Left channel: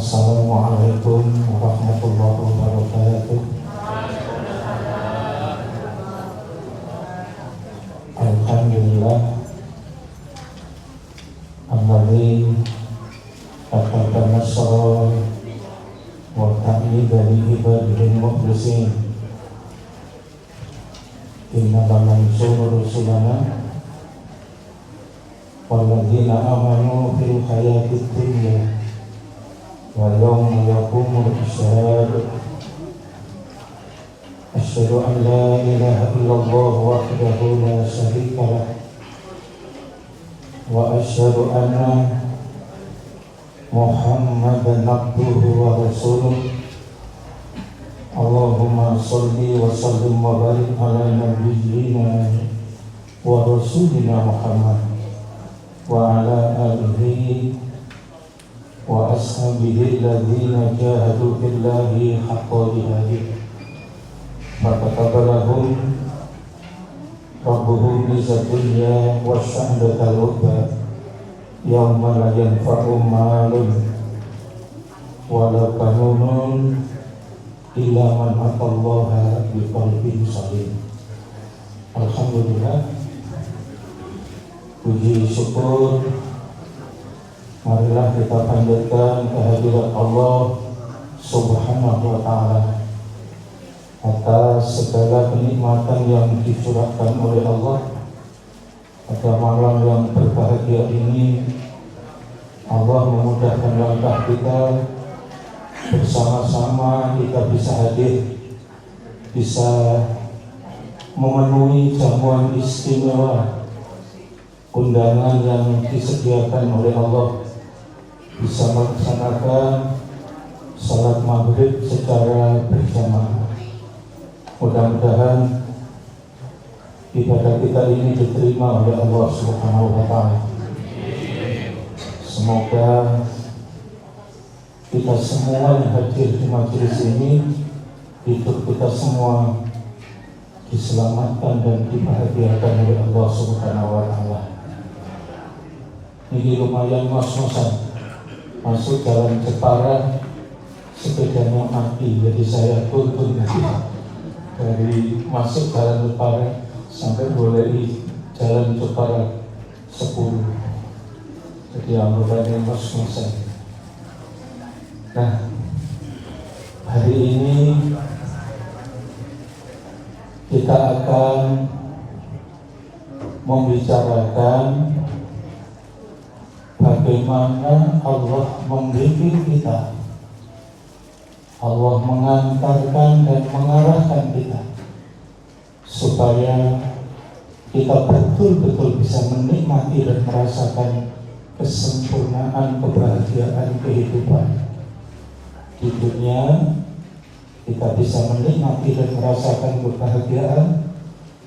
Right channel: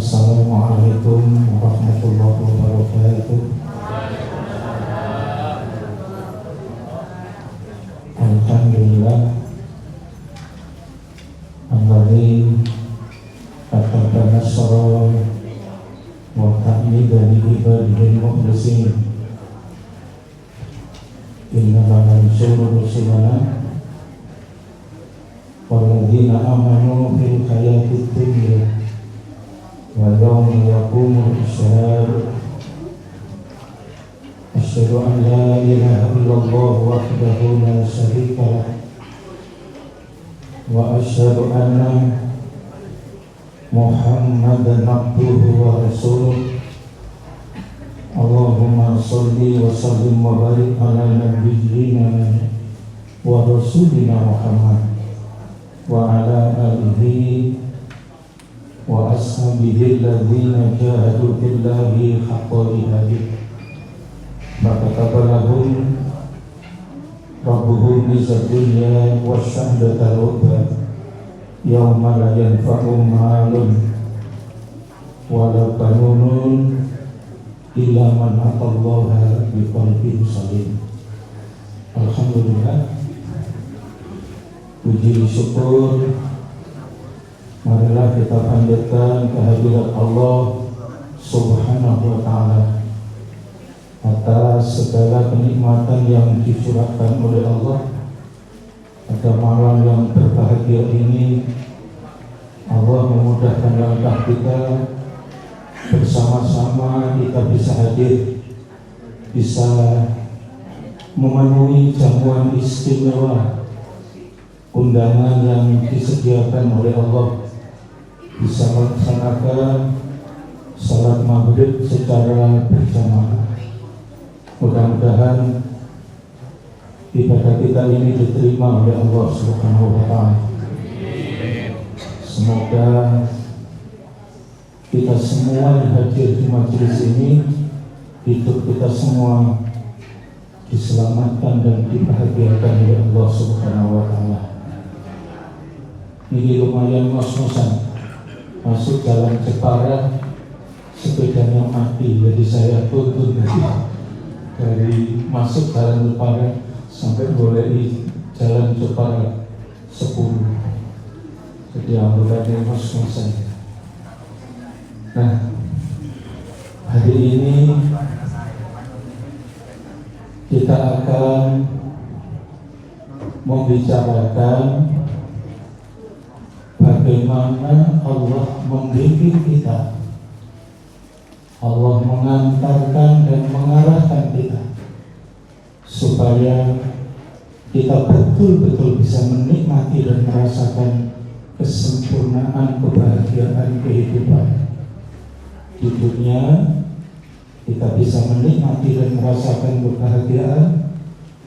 Assalamualaikum warahmatullahi wabarakatuh. Alhamdulillah alladzi akbarana sa'a wa ta'ala li ibadihi mukhlisin inna la yusallu rusulana walladzina amanu fil hayatid dunya wa yawma yaqumul ashhad asyhadu an la ilaha illallah wahdahu la syarika lah wa asyhadu anna Muhammadan abduhu wa rasuluh. Allahumma sholli wa sallim wa barik ala nabiyyina wa rasulina Muhammad wa ala alihi wa ashabihi alladhina jahadu billahi haqqa jihadih fataqabbalahum rabbuhum bizabilillah wa syahadatal hubba yawma la yanfa'u malun wala banun illa man atallaha biqalbin salim. Alhamdulillah, puji syukur marilah kita panjatkan kehadirat Allah Subhanahu wa ta'ala atas segala kenikmatan yang dicurahkan oleh Allah. Pada malam yang berbahagia ini Allah memudahkan langkah kita, bersama-sama kita bisa hadir, bisa memenuhi jamuan istimewa undangan yang disediakan oleh Allah, bisa melaksanakan salat maghrib secara berjamaah. Mudah-mudahan ibadah kita ini diterima oleh Allah Subhanahu wa ta'ala. Semoga kita semua yang hadir di majelis ini, hidup kita semua diselamatkan dan dibahagiakan oleh Allah Subhanahu wa ta'ala. Ini lumayan ngos-ngosan, masuk jalan Jepara, sepedanya mati, jadi saya tutur dari masuk jalan Jepara sampai mulai jalan Jepara 10. Jadi anggotanya ngos-ngosan. Nah, hari ini kita akan membicarakan bagaimana Allah membimbing kita, Allah mengantarkan dan mengarahkan kita supaya kita betul-betul bisa menikmati dan merasakan kesempurnaan kebahagiaan kehidupan di dunia. Kita bisa menikmati dan merasakan kebahagiaan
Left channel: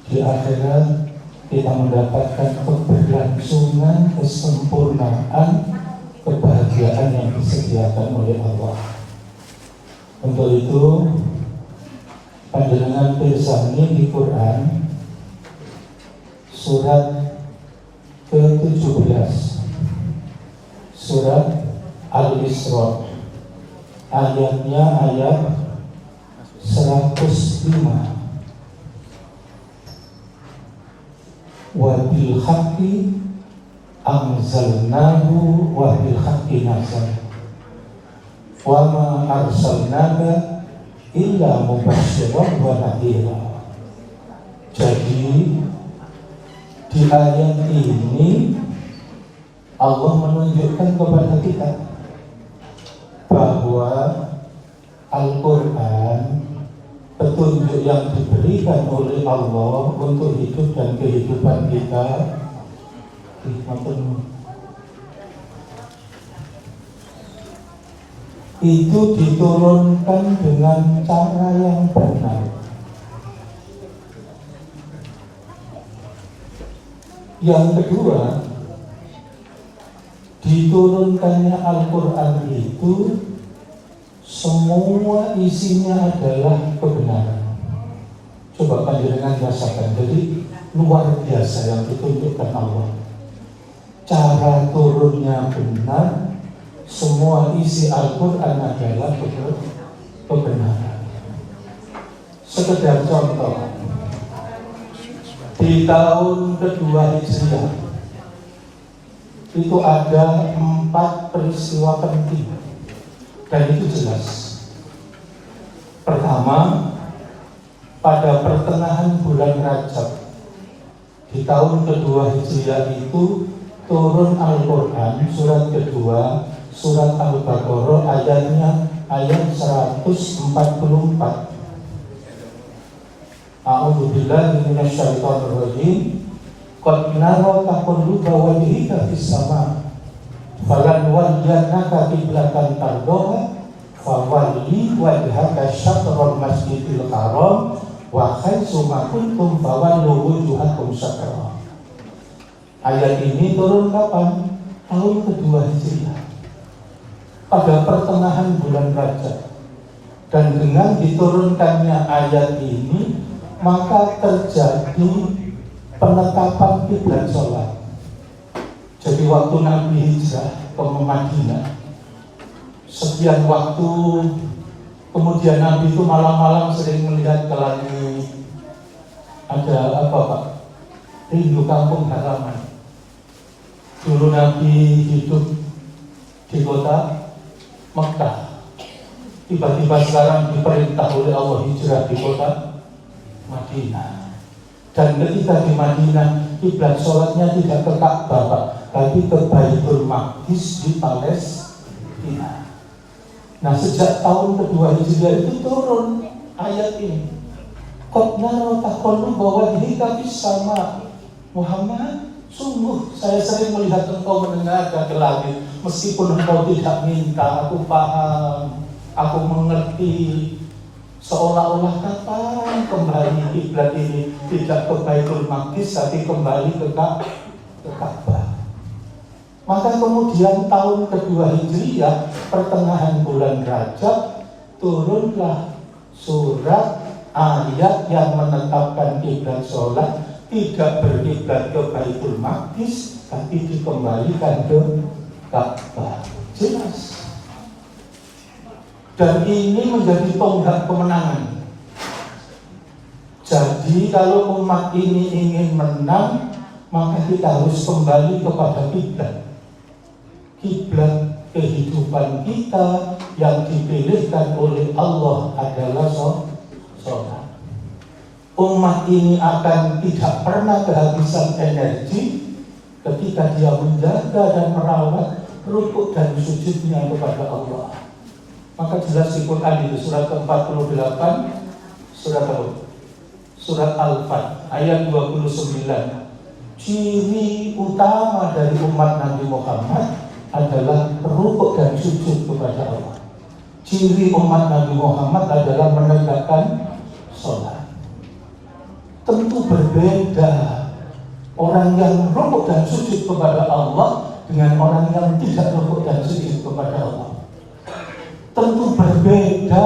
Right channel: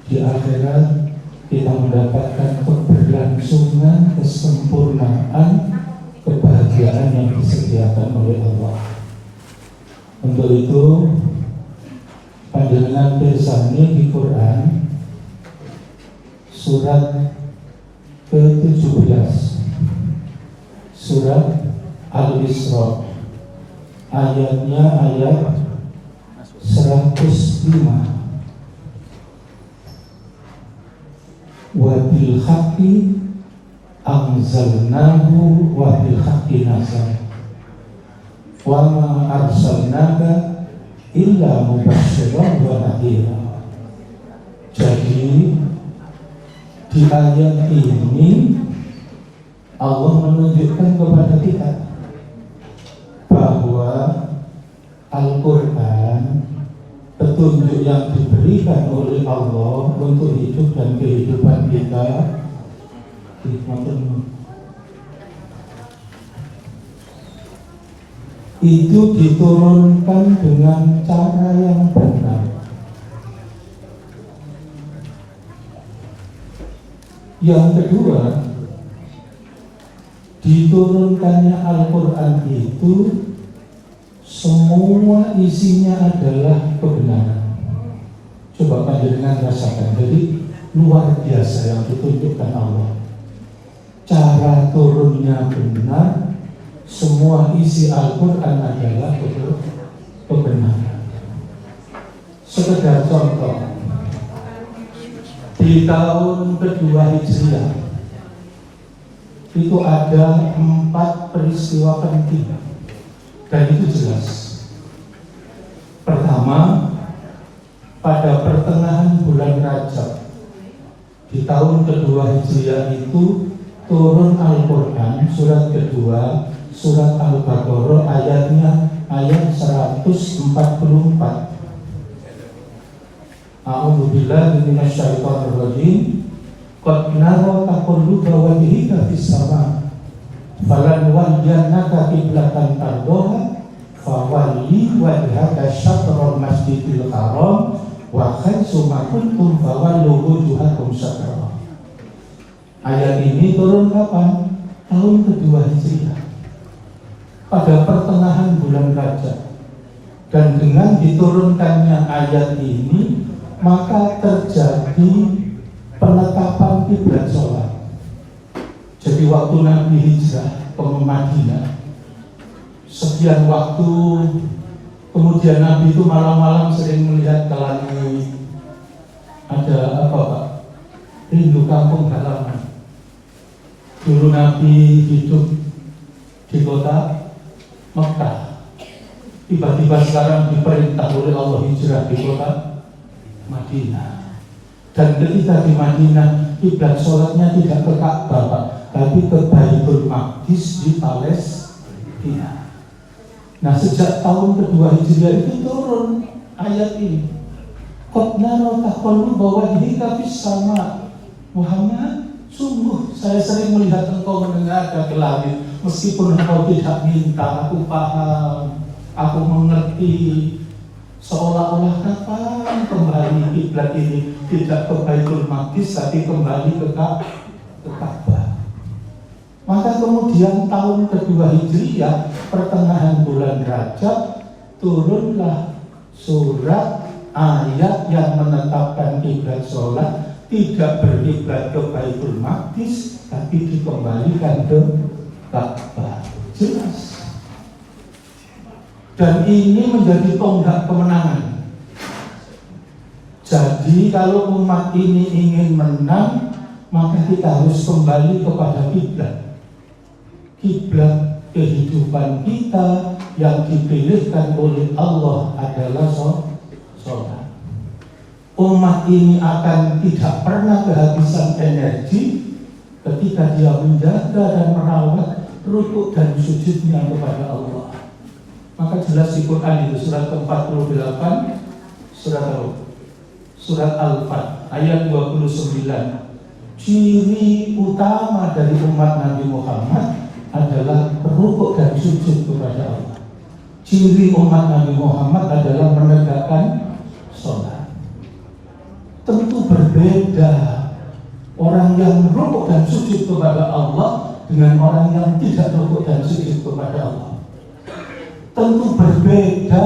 di akhirat. Kita mendapatkan keberlangsungan kesempurnaan kebahagiaan yang disediakan oleh Allah. Untuk itu panjenengan pirsani di Quran surat ke-17, surat Al-Isra, ayatnya ayat 105. Wa bil haqqi anzalnahu wa bil haqqi nazal wa ma arsalnaka illa mubasysyiran wa nadhira. Jadi di ayat ini Allah menunjukkan kepada kita bahwa Al-Quran petunjuk yang diberikan oleh Allah untuk hidup dan kehidupan kita itu diturunkan dengan cara yang benar. Yang kedua, diturunkannya Al-Quran itu semua isinya adalah kebenaran. Coba panjenengan rasakan, jadi luar biasa yang ditunjukkan Allah. Cara turunnya benar, semua isi Al-Quran adalah kebenaran. Sekedar contoh, di tahun kedua Hijriah itu ada 4 peristiwa penting, dan itu jelas. Pertama, pada pertengahan bulan Rajab di tahun kedua Hijriah itu turun Al-Quran surat kedua, surat Al-Baqarah, ayat 144. A'udzubillahi minasyaitonir rajim. Qad nara taqalluba wajhika fis sama falan walliyannaka qiblatan tardaha fawalli wajhaka syatral masjidil haram wa haitsu ma kuntum fawallu wujuhakum syatrah. Ayat ini turun kapan? Tahun kedua Hijriah, pada pertengahan bulan Rajab. Dan dengan diturunkannya ayat ini, maka terjadi penetapan kiblat sholat. Jadi waktu Nabi hijrah ke Madinah, sekian waktu kemudian Nabi itu malam-malam sering melihat ke langit. Ada apa Pak? Rindu kampung halaman. Dulu Nabi hidup di kota Mekah, tiba-tiba sekarang diperintah oleh Allah hijrah di kota Madinah. Dan ketika di Madinah, kiblat sholatnya tidak ke Ka'bah Pak, tapi ke Baitul Maqdis di Palestina. Nah, sejak tahun kedua Hijriah itu turun ayat ini. Qad nara taqalluba wajhika fis sama. Muhammad, sungguh saya sering melihat engkau menengadah ke langit. Meskipun engkau tidak minta, aku paham, aku mengerti. Seolah-olah kapan kembali kiblat ini tidak ke Baitul Maqdis, tapi kembali ke Ka'bah. Maka kemudian tahun kedua Hijriah, pertengahan bulan Rajab, turunlah surat ayat yang menetapkan kiblat sholat tidak berkiblat ke Baitul Maqdis, tapi dikembalikan ke Ka'bah. Jelas. Dan ini menjadi tonggak kemenangan. Jadi kalau umat ini ingin menang, maka kita harus kembali kepada kiblat. Kiblat kehidupan kita yang dipilihkan oleh Allah adalah sholat. Umat ini akan tidak pernah kehabisan energi ketika dia menjaga dan merawat rukuk dan sujudnya kepada Allah. Maka jelas di Quran itu surat ke-48, surat Al-Fat ayat 29. Ciri utama dari umat Nabi Muhammad adalah rukuk dan sujud kepada Allah. Ciri umat Nabi Muhammad adalah menegakkan sholat. Tentu berbeda orang yang rukuk dan sujud kepada Allah dengan orang yang tidak rukuk dan sujud kepada Allah. Tentu berbeda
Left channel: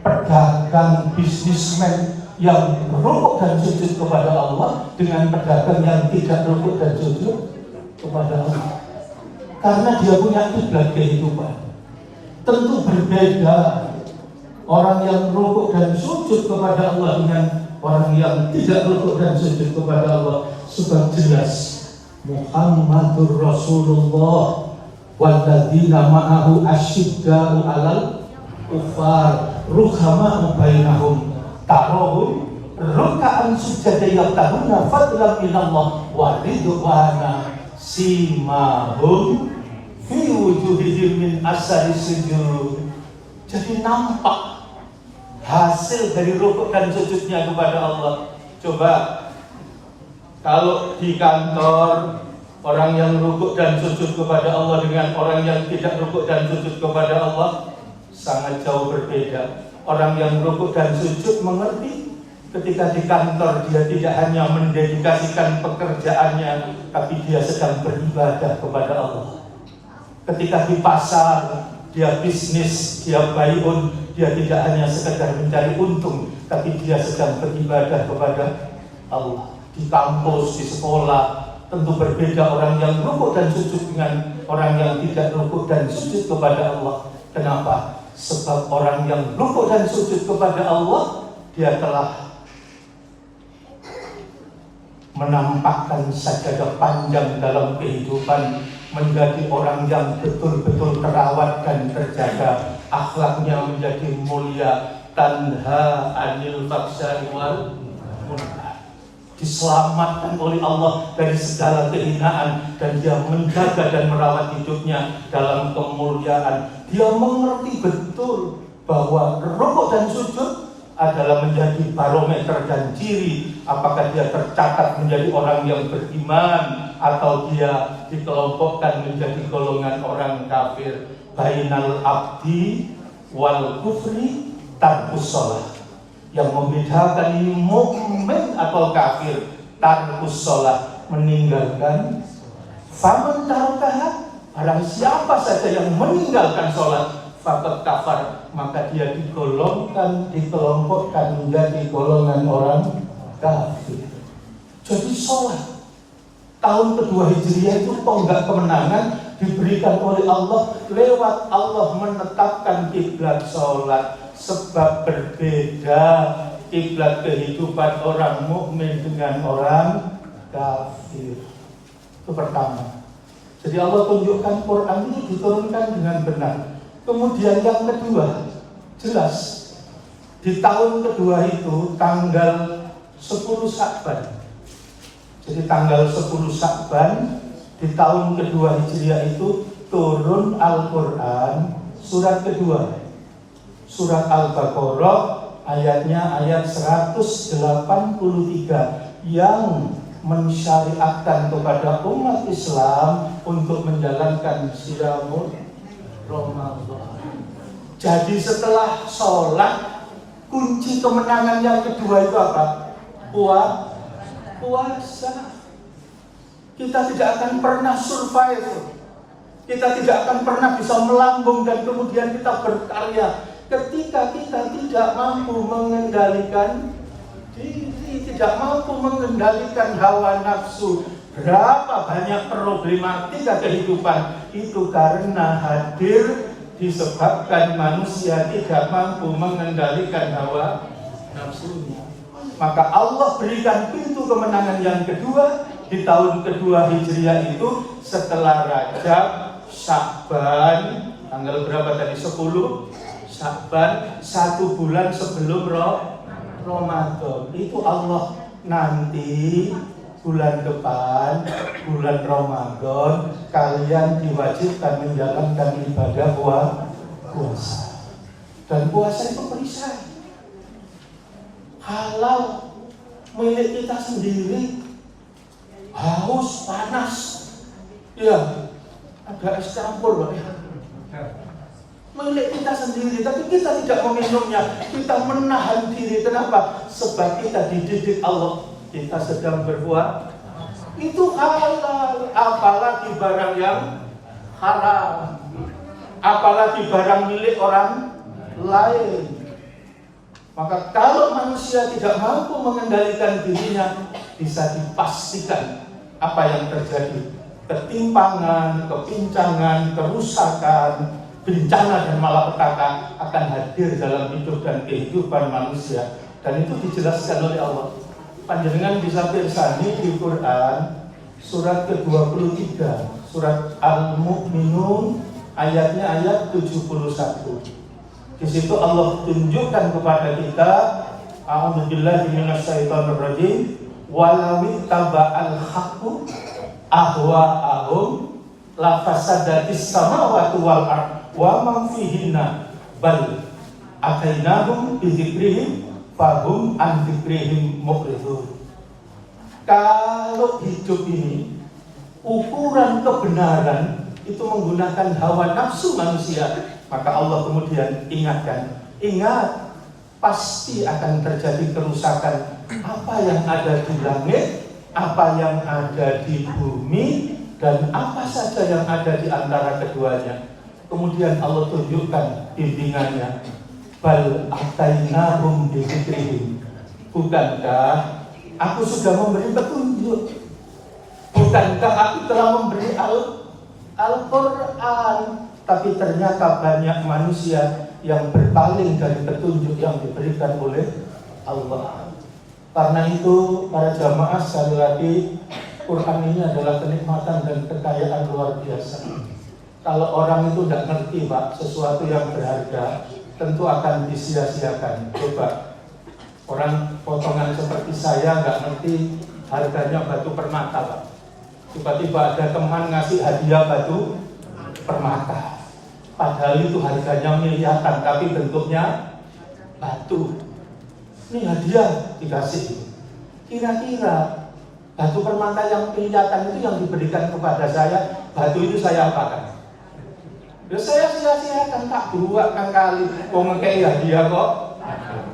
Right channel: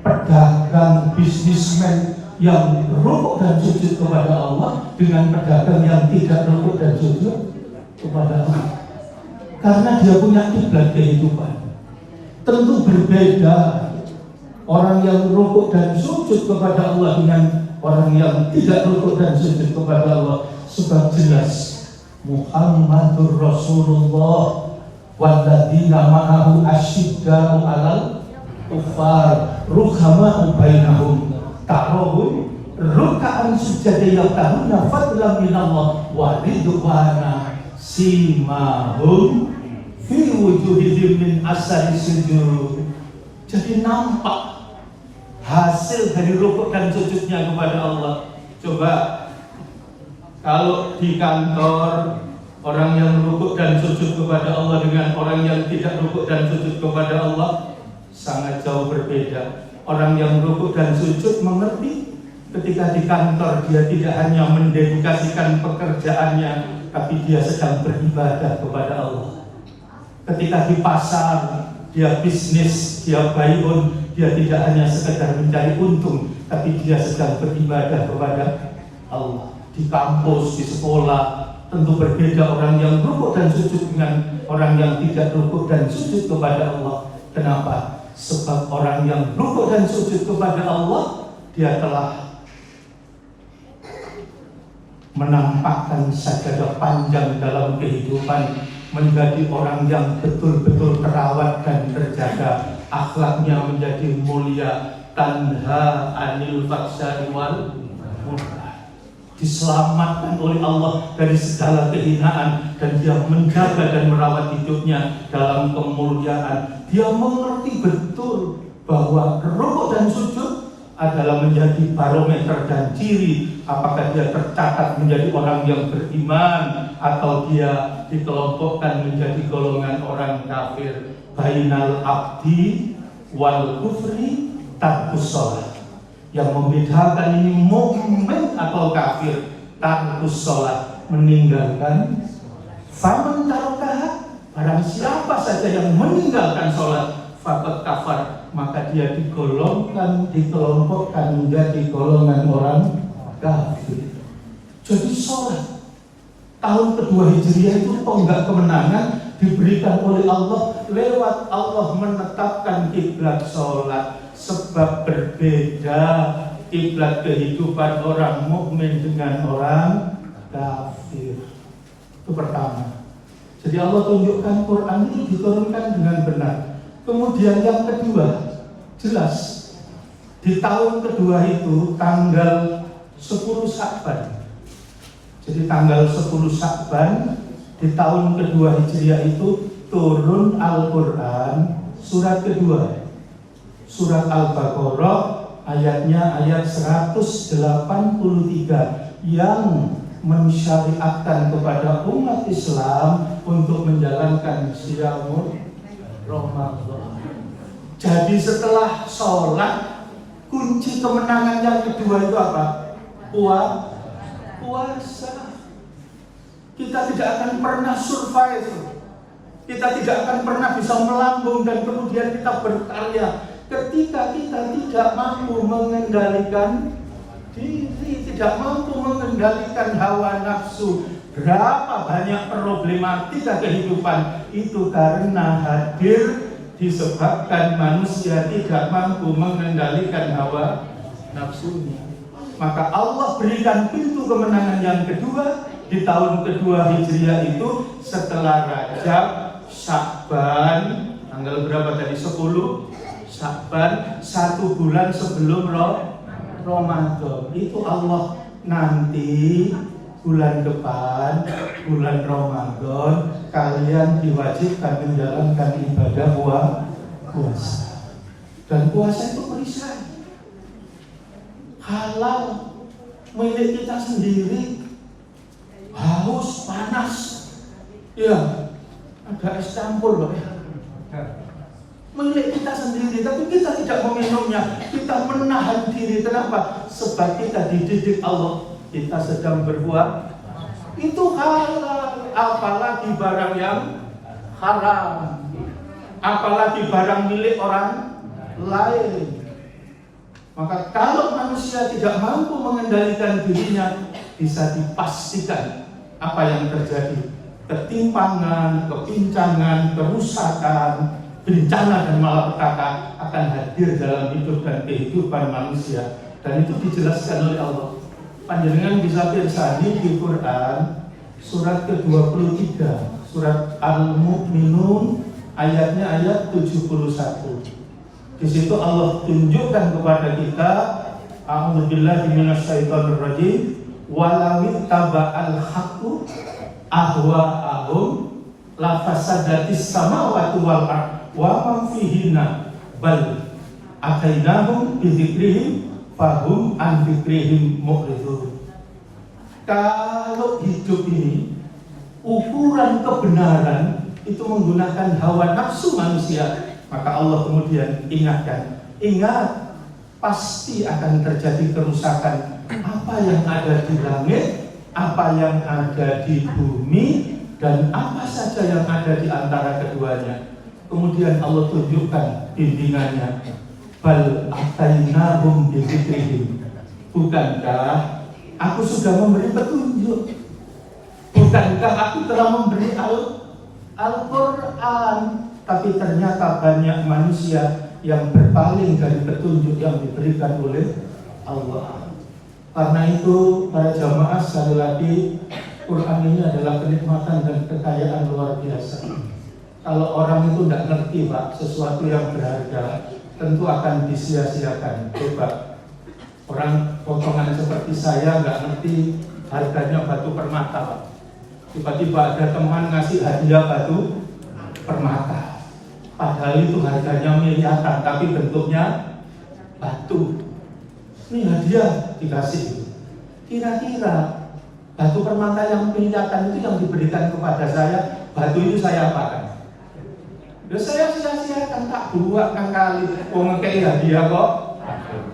pedagang bisnismen yang rukuk dan sujud kepada Allah dengan pedagang yang tidak rukuk dan sujud kepada Allah. Karena dia punya kiblat kehidupan. Tentu berbeda orang yang rukuk dan sujud kepada Allah dengan orang yang tidak rukuk dan sujud kepada Allah. Sebab jelas Muhammadur Rasulullah walladzina ma'ahu asyidda'u 'alal kuffar ruhama'u bainahum tarahum ruk'an sujada yabtahuna fadlan minallah wa ridwana simahum fi wujuhihim min asari sujud. Jadi nampak hasil dari rukuk dan sujudnya kepada Allah. Coba kalau di kantor orang yang rukuk dan sujud kepada Allah dengan orang yang tidak rukuk dan sujud kepada Allah sangat jauh berbeda. Orang yang rukuk dan sujud mengerti ketika di kantor dia tidak hanya mendedikasikan pekerjaannya, tapi dia sedang beribadah kepada Allah. Ketika di pasar dia bisnis, dia bai'un, dia tidak hanya sekedar mencari untung, tapi dia sedang beribadah kepada Allah. Di kampus, di sekolah, tentu berbeda orang yang rukuk dan sujud dengan orang yang tidak rukuk dan sujud kepada Allah. Kenapa? Sebab orang yang rukuk dan sujud kepada Allah, dia telah menampakkan sajadah panjang dalam kehidupan, menjadi orang yang betul-betul terawat dan terjaga, akhlaknya menjadi mulia, tanha anil faksari wal munkar, diselamatkan oleh Allah dari segala kehinaan, dan dia menjaga dan merawat hidupnya dalam kemuliaan. Dia mengerti betul bahwa rukuk dan sujud adalah menjadi barometer dan ciri apakah dia tercatat menjadi orang yang beriman atau dia dikelompokkan menjadi golongan orang kafir. Bainal abdi wal kufri tarkus sholat. Yang membedakan ini mukmin atau kafir, tarkus sholat, meninggalkan. Faman tarokaha, barang siapa saja yang meninggalkan sholat, faqad kafar, maka dia dikelompokkan menjadi golongan orang kafir. Jadi sholat tahun kedua Hijriah itu tonggak kemenangan diberikan oleh Allah lewat Allah menetapkan kiblat sholat. Sebab berbeda kiblat kehidupan orang mukmin dengan orang kafir. Itu pertama. Jadi Allah tunjukkan Quran itu diturunkan dengan benar. Kemudian yang kedua, jelas di tahun kedua itu tanggal 10 Sya'ban. Jadi tanggal 10 Sya'ban di tahun kedua Hijriah itu turun Al-Quran surat kedua, surat Al-Baqarah, ayatnya ayat 183 yang mensyariatkan kepada umat Islam untuk menjalankan Siyamul Ramadan. Jadi setelah sholat, kunci kemenangan yang kedua itu apa? Puasa. Kita tidak akan pernah survive, kita tidak akan pernah bisa melambung dan kemudian kita berkarya ketika kita tidak mampu mengendalikan diri, tidak mampu mengendalikan hawa nafsu. Berapa banyak problematika kehidupan itu karena hadir disebabkan manusia tidak mampu mengendalikan hawa nafsunya. Maka Allah berikan pintu kemenangan yang kedua di tahun kedua Hijriah itu setelah Rajab, Sya'ban, tanggal berapa tadi? 10 Sya'ban, 1 bulan sebelum Ramadan. Itu Allah nanti bulan depan, bulan Ramadan, kalian diwajibkan menjalankan ibadah puasa. Dan puasa itu perisai. Kalau milik kita sendiri, haus, panas, ya ada es campur loh. Milik kita sendiri, tapi kita tidak meminumnya, kita menahan diri. Kenapa? Sebab kita dididik Allah. Kita sedang berbuat itu halal, apalagi barang yang haram, apalagi barang milik orang lain. Maka kalau manusia tidak mampu mengendalikan dirinya, bisa dipastikan apa yang terjadi: ketimpangan, kepincangan, kerusakan, bencana dan malapetaka akan hadir dalam hidup dan kehidupan manusia. Dan itu dijelaskan oleh Allah. Panjenengan bisa pirsani di Quran surat ke-23, surat Al-Mu'minun, ayatnya ayat 71. Di situ Allah tunjukkan kepada kita, a'udzubillahi minasyaitonirrajim, walawit taba'al haqqu ahwa'ahum la fasadatis samawati wal ardh wa man fihinna bal atainahum bi dzikrihim fahum an dzikrihim mu'ridun. Kalau hidup ini ukuran kebenaran itu menggunakan hawa nafsu manusia, maka Allah kemudian ingatkan, ingat, pasti akan terjadi kerusakan. Apa yang ada di langit, apa yang ada di bumi, dan apa saja yang ada di antara keduanya. Kemudian Allah tunjukkan bimbingannya, bal atainahum bi dzikrihim. Bukankah aku sudah memberi petunjuk? Bukankah aku telah memberi Al-Quran, tapi ternyata banyak manusia yang berpaling dari petunjuk yang diberikan oleh Allah. Karena itu para jamaah, sekali lagi, Quran ini adalah kenikmatan dan kekayaan luar biasa. Kalau orang itu tidak ngerti Pak, sesuatu yang berharga tentu akan disia-siakan. Coba orang potongan seperti saya nggak ngerti harganya batu permata Pak. Tiba-tiba ada teman ngasih hadiah batu permata, padahal itu harganya miliaran tapi bentuknya batu. Ini hadiah dikasih. Kira-kira batu permata yang miliaran itu yang diberikan kepada saya, batu itu saya apakan? Ya saya sia-siakan, tak buat kali wong ngekei hadiah kok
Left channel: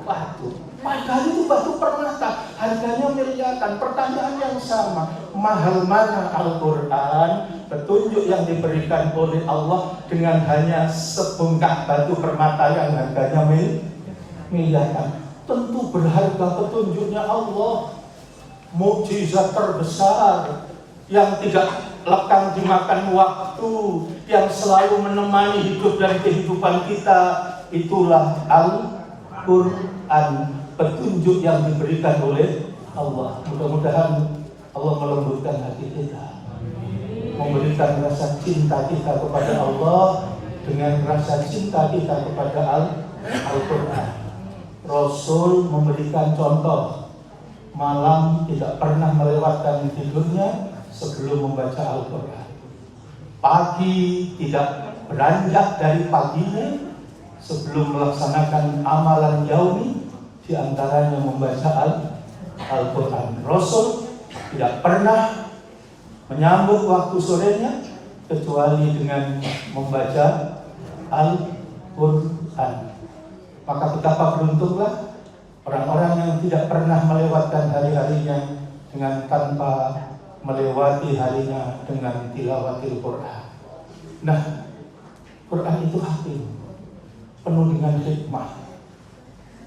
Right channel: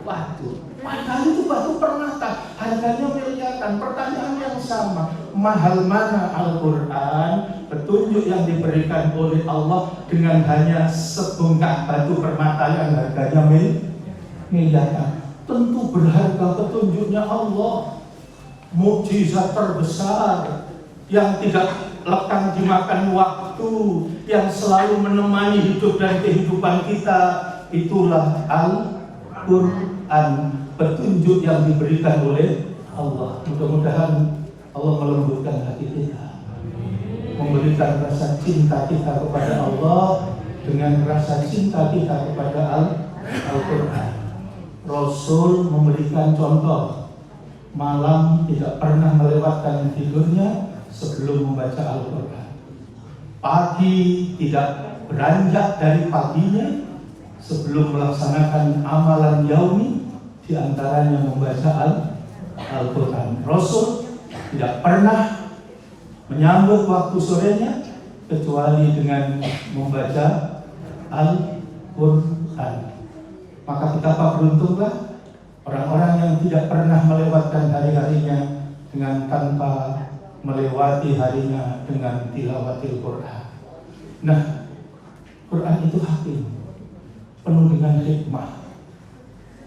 batu. Padahal itu batu permata, harganya miliaran. Pertanyaan yang sama, mahal mana Al-Quran, petunjuk yang diberikan oleh Allah, dengan hanya sebongkah batu permata yang harganya miliaran? Tentu berharga petunjuknya Allah, mukjizat terbesar yang tidak lekang dimakan waktu, yang selalu menemani hidup dan kehidupan kita. Itulah Al-Quran, petunjuk yang diberikan oleh Allah. Mudah-mudahan Allah melembutkan hati kita, memberikan rasa cinta kita kepada Allah dengan rasa cinta kita kepada Al-Quran. Rasul memberikan contoh, malam tidak pernah melewatkan tidurnya sebelum membaca Al-Quran. Pagi tidak beranjak dari paginya sebelum melaksanakan amalan yaumi, di antaranya membaca Al-Quran. Rasul tidak pernah menyambut waktu sorenya kecuali dengan membaca Al-Quran. Maka betapa beruntunglah orang-orang yang tidak pernah melewatkan hari-harinya dengan tanpa melewati harinya dengan tilawatil Quran. Nah, Quran itu hakim, penuh dengan hikmah.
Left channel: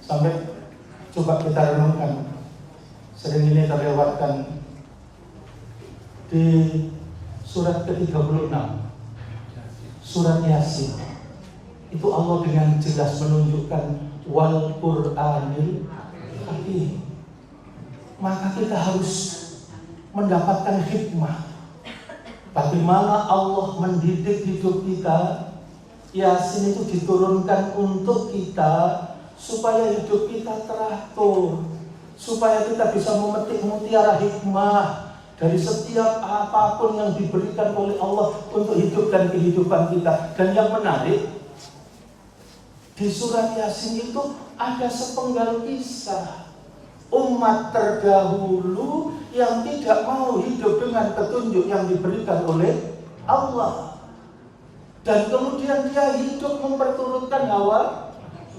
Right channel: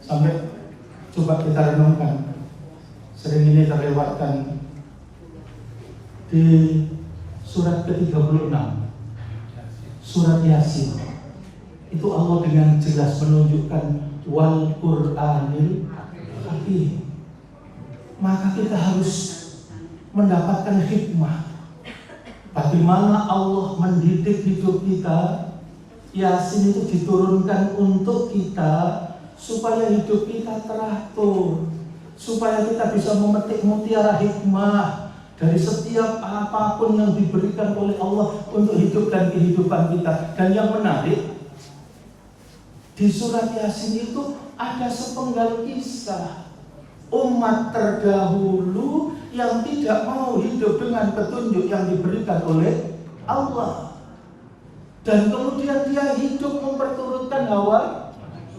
Sampai coba kita renungkan, sering ini terlewatkan di surat ke-36, surat Yasin. Itu Allah dengan jelas menunjukkan wal Qur'anil hakim. Maka kita harus mendapatkan hikmah. Bagaimana Allah mendidik hidup kita. Yasin itu diturunkan untuk kita supaya hidup kita teratur, supaya kita bisa memetik mutiara hikmah dari setiap apapun yang diberikan oleh Allah untuk hidup dan kehidupan kita. Dan yang menarik, di surat Yasin itu ada sepenggal kisah umat terdahulu yang tidak mau hidup dengan petunjuk yang diberikan oleh Allah, dan kemudian dia hidup memperturutkan hawa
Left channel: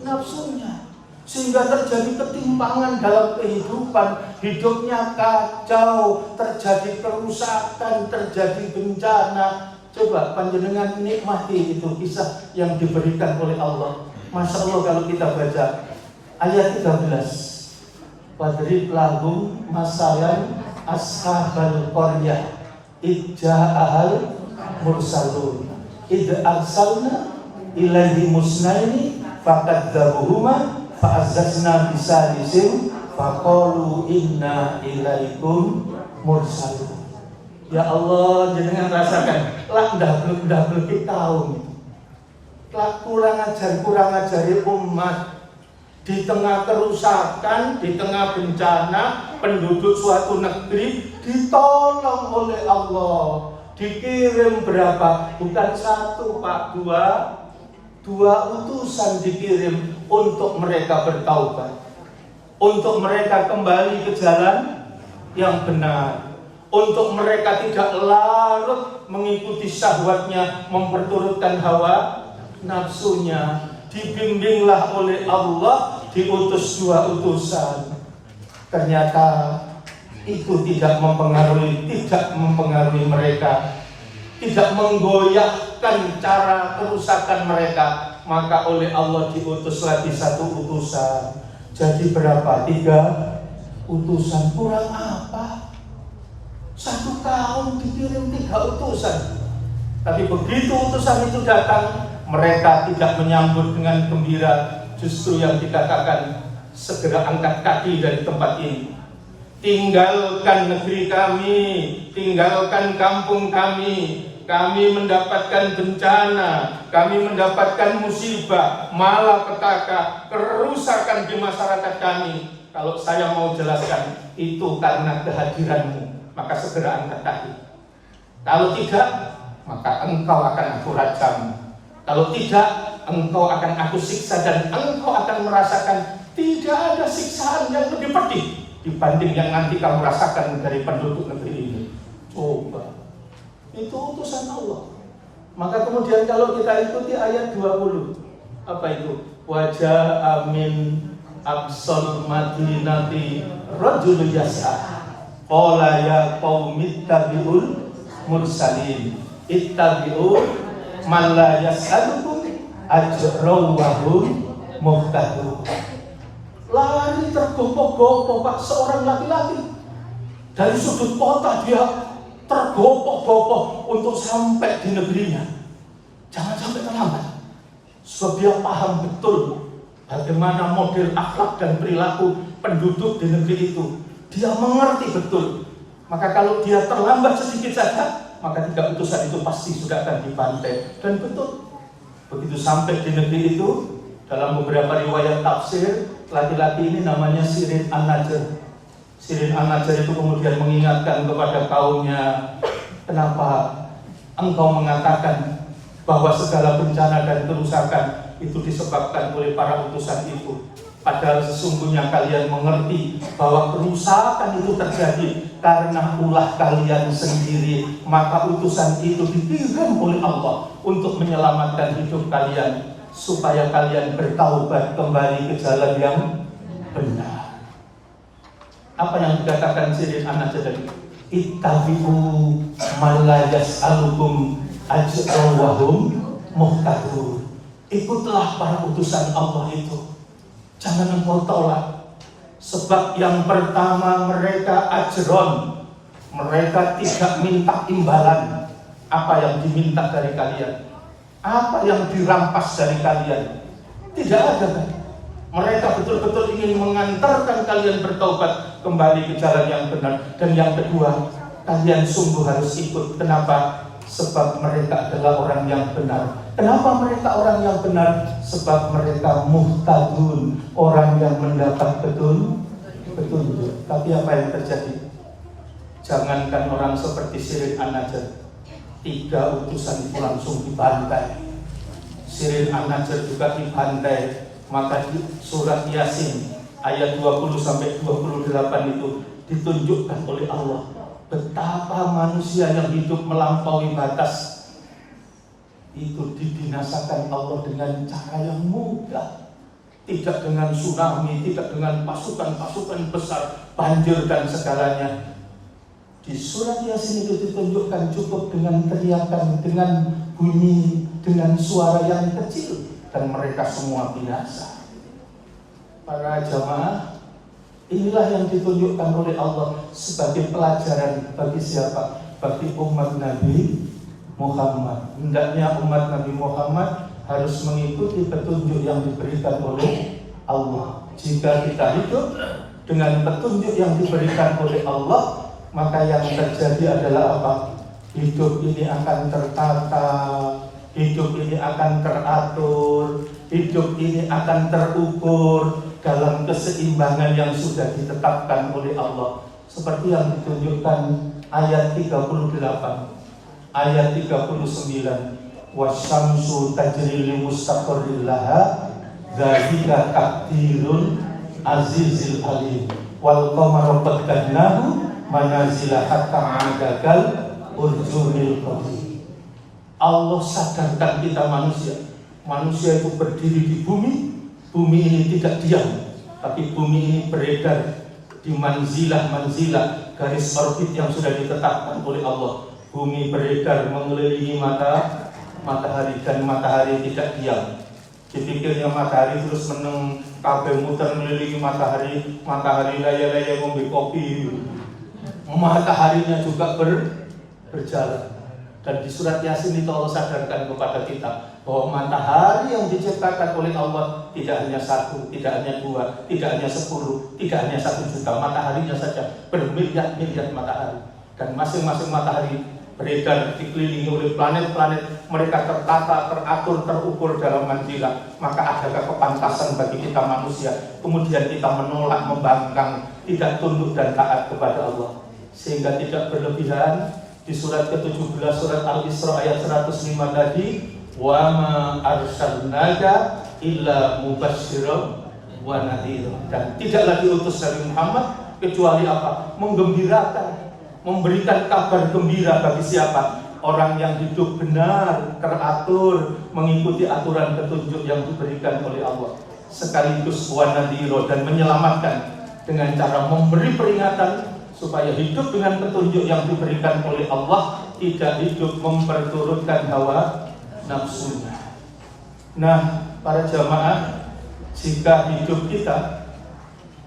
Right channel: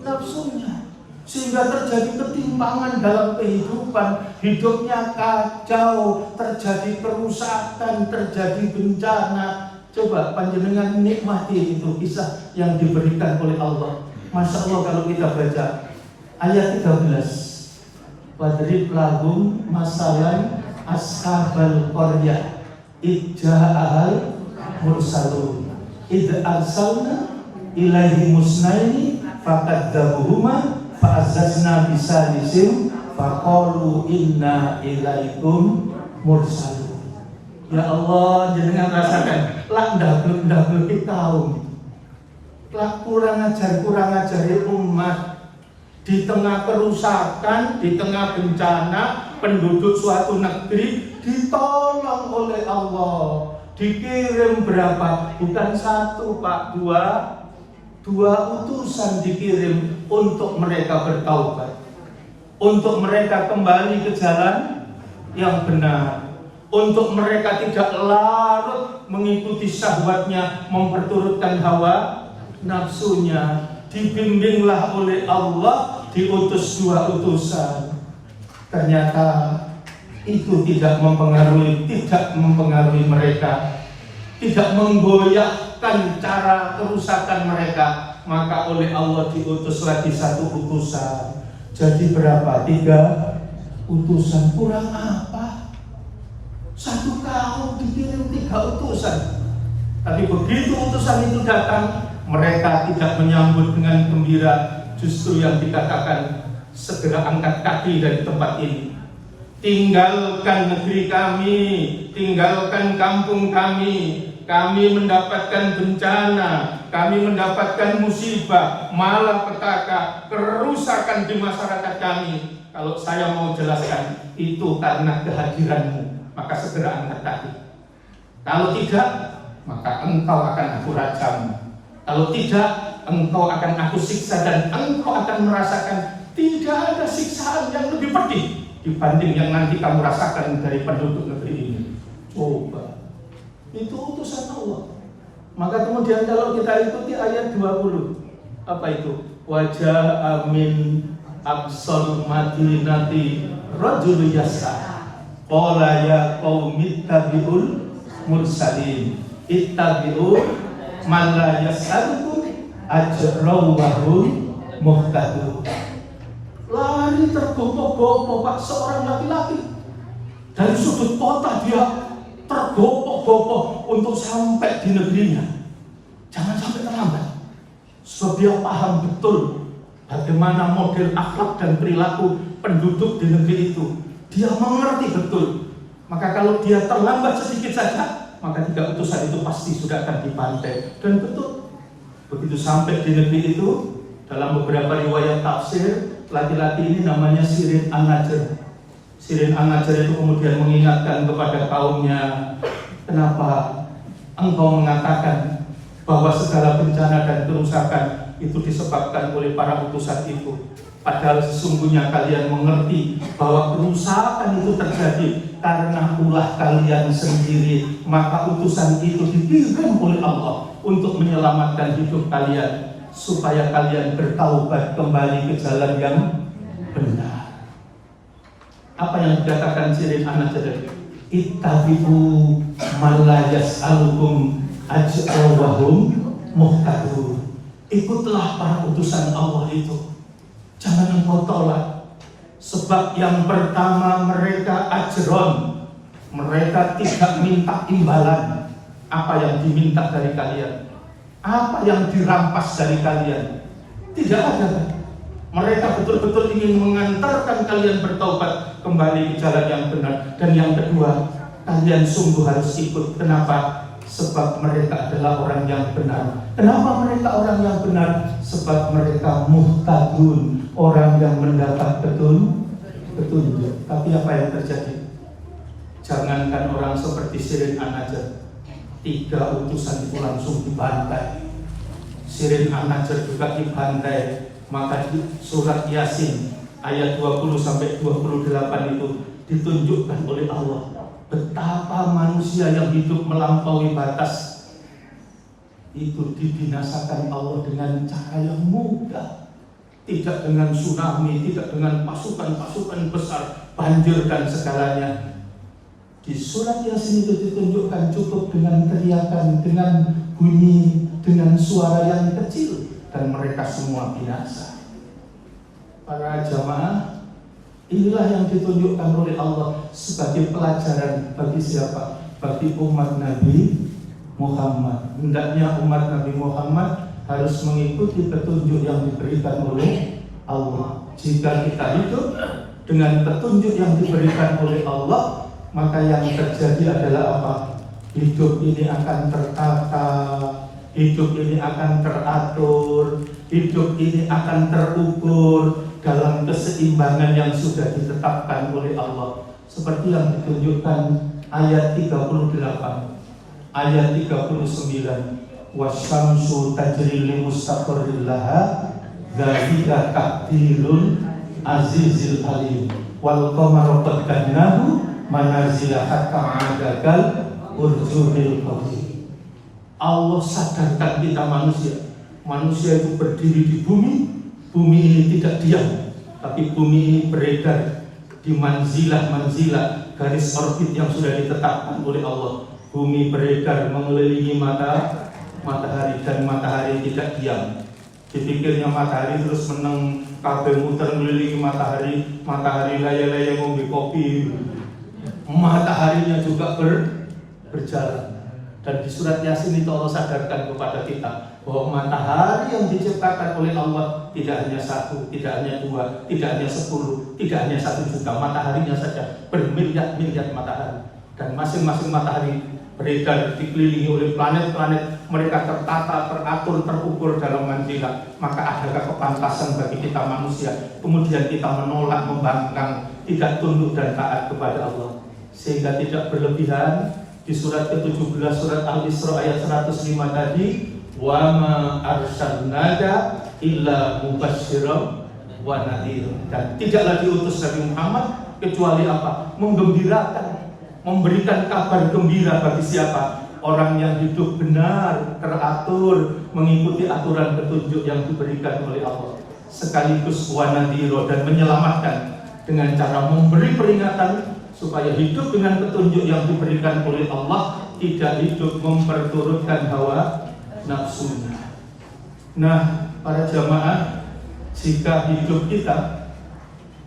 nafsunya, sehingga terjadi ketimpangan dalam kehidupan. Hidupnya kacau, terjadi kerusakan, terjadi bencana. Coba panjenengan nikmati itu kisah yang diberikan oleh Allah. Masya Allah, kalau kita baca ayat 13, wadrib lahum masalan ashabal qaryah idja'ahal mursalun id arsalna ilaihi musnaini fakadzabuhuma fa'azzazna bisalisim faqalu inna ilaikum mursalun. Ya Allah, jenengan rasakan lah ndablek kaum, kurang ajari umat di tengah kerusakan, di tengah bencana. Penduduk suatu negeri ditolong oleh Allah, dikirim berapa? Bukan satu Pak, dua utusan dikirim untuk mereka bertaubat, untuk mereka kembali ke jalan yang benar, untuk mereka tidak larut mengikuti syahwatnya, memperturutkan hawa nafsunya. Dibimbinglah oleh Allah, diutus dua utusan. Ternyata itu tidak mempengaruhi mereka, tidak menggoyahkan cara kerusakan mereka. Maka oleh Allah diutus lagi satu utusan. Jadi berapa? 3 utusan. Kurang apa? Satu kaum dikirim 3 utusan. Tapi begitu utusan itu datang, mereka tidak menyambut dengan gembira. Justru yang dikatakan, segera angkat kaki dari tempat ini, tinggalkan negeri kami, tinggalkan kampung kami. Kami mendapatkan bencana, kami mendapatkan musibah, malapetaka, kerusakan di masyarakat kami. Kalau saya mau jelaskan, itu karena kehadiranmu, maka segera angkat kaki. Kalau tidak, maka engkau akan aku rajam. Kalau tidak, engkau akan aku siksa, dan engkau akan merasakan tidak ada siksaan yang lebih pedih dibanding yang nanti kamu rasakan dari penduduk negeri ini. Coba. Itu utusan Allah. Maka kemudian kalau kita ikuti ayat 20, apa itu? Wajah amin aqsal madinati rajul yasa qala ya qaumi ittabi'ul mursalin ittabi'u man la yas'alukum ajran wa hum muhtadun. Lari tergopoh-gopoh Pak, seorang laki-laki dari sudut kota, dia tergopoh-gopoh untuk sampai di negerinya. Jangan sampai terlambat, sebab dia paham betul bagaimana model akhlak dan perilaku penduduk di negeri itu. Dia mengerti betul. Maka kalau dia terlambat sedikit saja, maka 3 utusan itu pasti sudah akan dibantai. Dan betul, begitu sampai di negeri itu, dalam beberapa riwayat tafsir, laki-laki ini namanya Sirin An-Najjar. Sirin An-Najjar itu kemudian mengingatkan kepada kaumnya, kenapa engkau mengatakan bahwa segala bencana dan kerusakan itu disebabkan oleh para utusan itu? Padahal sesungguhnya kalian mengerti bahwa kerusakan itu terjadi karena ulah kalian sendiri. Maka utusan itu dikirim oleh Allah untuk menyelamatkan hidup kalian, supaya kalian bertaubat kembali ke jalan yang benar. Apa yang dikatakan Sirin An-Najjar tadi? Ittabi'u man la yas'alukum ajran wa hum muhtadun. Ikutlah para utusan Allah itu, jangan engkau tolak. Sebab yang pertama, mereka ajron, mereka tidak minta imbalan. Apa yang diminta dari kalian, apa yang dirampas dari kalian, tidak ada kan? Mereka betul-betul ingin mengantarkan kalian bertaubat kembali ke jalan yang benar. Dan yang kedua, kalian sungguh harus ikut. Kenapa? Sebab mereka adalah orang yang benar. Kenapa mereka orang yang benar? Sebab mereka muhtadun, orang yang mendapat petunjuk. Tapi apa yang terjadi? Jangankan orang seperti Sirin An-Najjar, 3 utusan itu langsung dibantai. Sirin An-Najjar juga dibantai. Maka di surat Yasin ayat 20-28 itu ditunjukkan oleh Allah betapa manusia yang hidup melampaui batas itu dibinasakan Allah dengan cara yang mudah. Tidak dengan tsunami, tidak dengan pasukan-pasukan besar, banjir dan segalanya. Di surat Yasin itu ditunjukkan cukup dengan teriakan, dengan bunyi, dengan suara yang kecil, dan mereka semua binasa. Para jamaah, inilah yang ditunjukkan oleh Allah sebagai pelajaran bagi siapa? Bagi umat Nabi Muhammad. Hendaknya umat Nabi Muhammad harus mengikuti petunjuk yang diberikan oleh Allah. Jika kita hidup dengan petunjuk yang diberikan oleh Allah, maka yang terjadi adalah apa? Hidup ini akan tertata, hidup ini akan teratur, hidup ini akan terukur dalam keseimbangan yang sudah ditetapkan oleh Allah. Seperti yang ditunjukkan ayat 38, ayat 39. Wasyamsu tajri li mustaqarril laha dzalika taqdirul azizil alim wal qamaru qaddarnahu manazila hatta ma'adakal urjunil qadim. Allah sadarkan kita manusia. Manusia itu berdiri di bumi. Bumi ini tidak diam, tapi bumi ini beredar di manzilah-manzilah, garis orbit yang sudah ditetapkan oleh Allah. Bumi beredar mengelilingi matahari, dan matahari tidak diam. Dipikirnya matahari terus meneng, kabeh muter mengelilingi matahari, matahari laya-laya ngombe kopi. Mataharinya juga berjalan. Dan di surat Yasin itu Allah sadarkan kepada kita bahwa matahari yang diciptakan oleh Allah tidak hanya satu, tidak hanya dua, tidak hanya 10, tidak hanya 1 juta. Mataharinya saja bermiliar-miliar matahari. Dan masing-masing matahari beredar dikelilingi oleh planet-planet. Mereka tertata, teratur, terukur dalam manzilah. Maka adakah kepantasan bagi kita manusia kemudian kita menolak, membangkang, tidak tunduk dan taat kepada Allah? Sehingga tidak berlebihan. Di surat ke-17 surat Al-Isra ayat 105 tadi, wa ma arsalnaka illa mubasysyiran wa nadhira. Dan tidaklah diutus Nabi Muhammad kecuali apa? Menggembirakan, memberikan kabar gembira bagi siapa? Orang yang hidup benar, teratur, mengikuti aturan petunjuk yang diberikan oleh Allah. Sekaligus wa nadhira, dan menyelamatkan dengan cara memberi peringatan supaya hidup dengan petunjuk yang diberikan oleh Allah, tidak hidup memperturutkan hawa nafsunya. Nah, para jamaah, jika hidup kita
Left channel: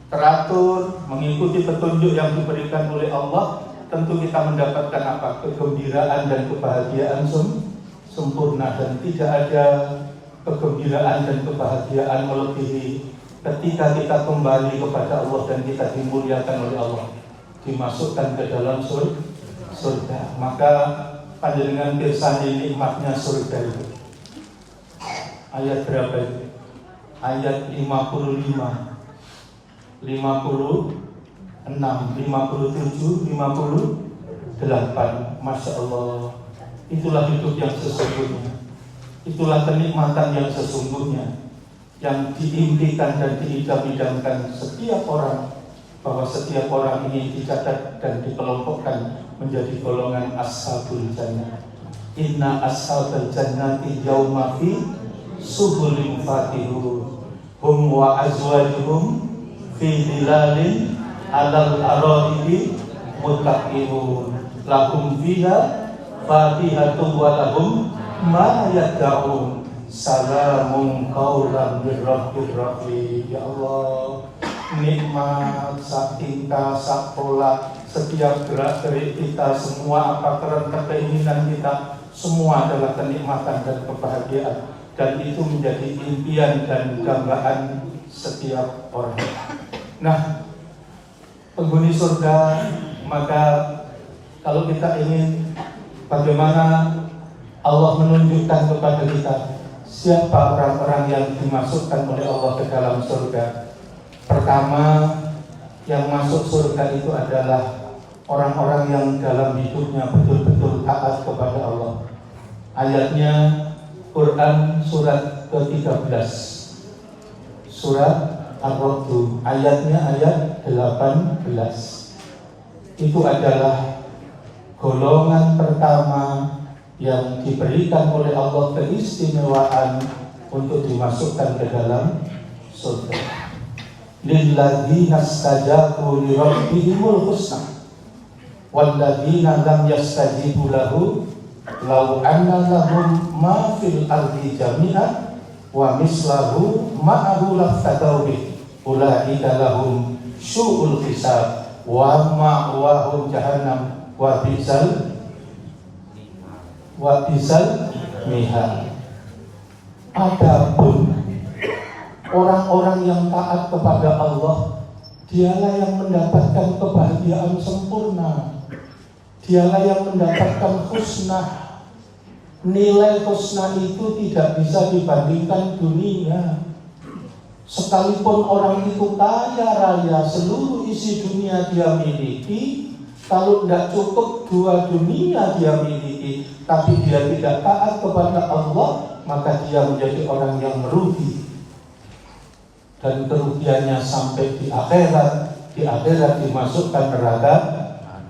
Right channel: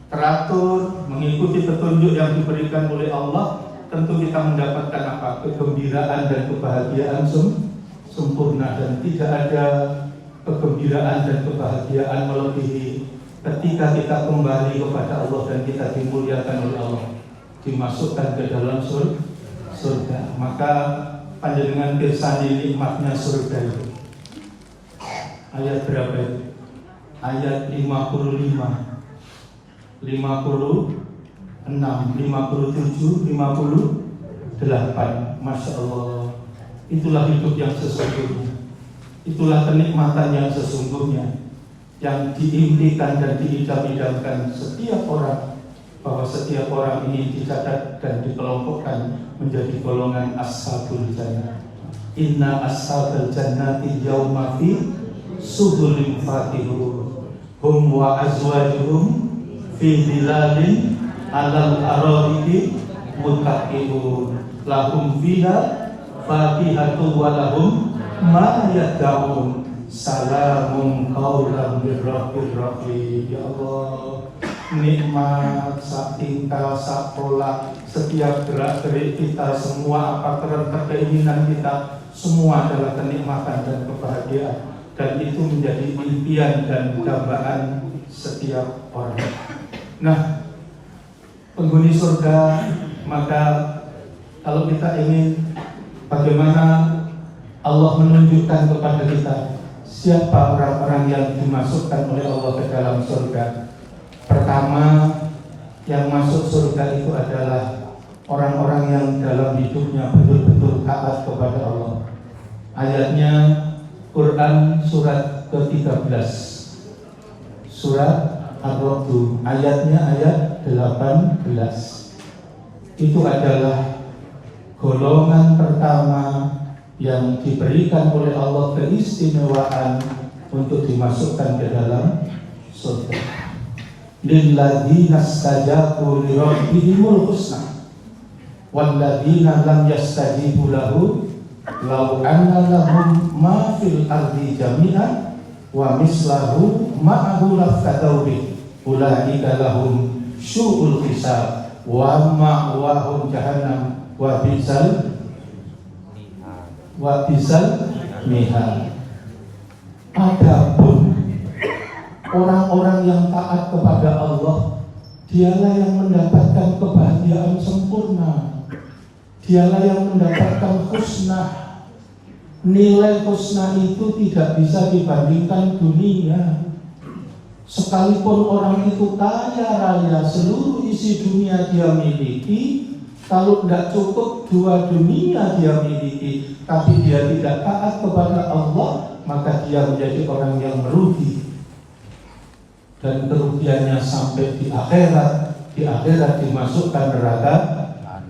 teratur, mengikuti petunjuk yang diberikan oleh Allah, tentu kita mendapatkan apa? Kegembiraan dan kebahagiaan sempurna. Dan tidak ada kegembiraan dan kebahagiaan melebihi ketika kita kembali kepada Allah dan kita dimuliakan oleh Allah, dimasukkan ke dalam surga. Maka panjenengan pirsani nikmatnya surga itu. Ayat berapa itu? Ayat 55, 56, 57, 58. Masya Allah. Itulah hidup yang sesungguhnya. Itulah kenikmatan yang sesungguhnya, yang diimpikan dan diidam-idamkan setiap orang, bahwa setiap orang ingin dicatat dan dikelompokkan menjadi golongan ashabul jannah. Inna ashabal jannati yawma fi suhulin fakihun hum wa azwajuhum fi dhilalin alal ara'iki muttaqin lahum fiha fakihatu wa lahum ma yad'un salamun qaulan min rabbir rahim. Ya Allah, nikmat sak tingkah, sak pola, setiap gerak-gerik kita, semua apa kerentak keinginan kita, semua adalah kenikmatan dan kebahagiaan. Dan itu menjadi impian dan dambaan setiap orang. Nah, penghuni surga, maka kalau kita ingin bagaimana Allah menunjukkan kepada kita siapa orang-orang yang dimasukkan oleh Allah ke dalam surga. Pertama, yang masuk surga itu adalah orang-orang yang dalam hidupnya betul-betul taat kepada Allah. Ayatnya Quran surat ke-13, surat Ar-Ra'd, ayatnya ayat 18. Itu adalah golongan pertama yang diberikan oleh Allah keistimewaan untuk dimasukkan ke dalam surga. Lilladzina stajabu li rabbihimul husna walladzina lam yastajibu lahu law anna lahum ma fil ardi jami'an wa mislahu ma'ahu laftadaw bih ulaika lahum syu'ul hisab wa ma'wahum jahannam wa bisal mihal. Adapun orang-orang yang taat kepada Allah, dialah yang mendapatkan kebahagiaan sempurna, dialah yang mendapatkan husnah. Nilai husnah itu tidak bisa dibandingkan dunia. Sekalipun orang itu kaya raya, seluruh isi dunia dia miliki, kalau tidak cukup 2 dunia dia miliki, tapi dia tidak taat kepada Allah, maka dia menjadi orang yang merugi. Dan kerugiannya sampai di akhirat dimasukkan neraka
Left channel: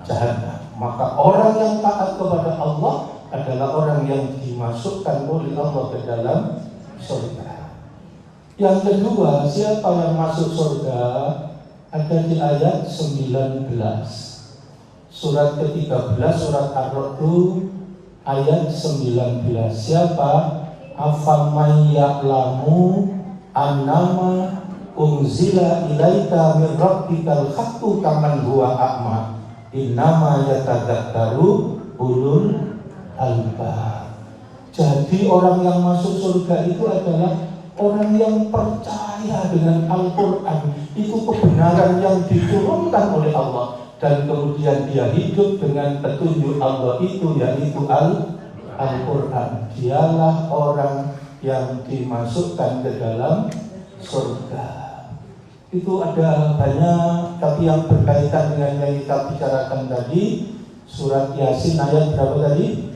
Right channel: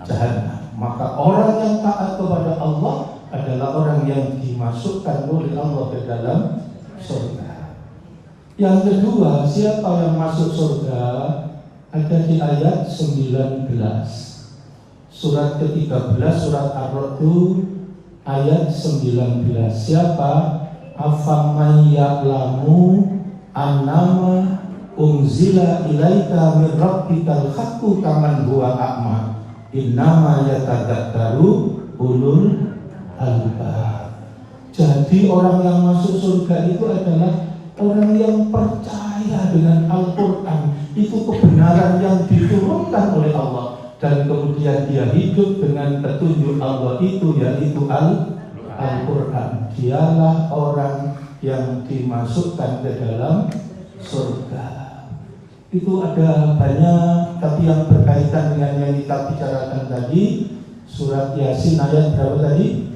jahanam. Maka orang yang taat kepada Allah adalah orang yang dimasukkan oleh Allah ke dalam surga. Yang kedua, siapa yang masuk surga? Ada di ayat 19, surat ke-13, surat Ar-Ra'd ayat 19. Siapa? Afamay ya'lamu annama unzila ilaika min rabbikal haqqu kaman huwa a'ma innama yatadzakkaru ulul albab. Jadi orang yang masuk surga itu adalah orang yang percaya dengan Al-Quran. Itu kebenaran yang diturunkan oleh Allah, dan kemudian dia hidup dengan petunjuk Allah itu, yaitu Al-Quran. Dialah orang yang dimasukkan ke dalam surga. Itu ada banyak, tapi yang berkaitan dengan yang kita bicarakan tadi, surat Yasin ayat berapa tadi?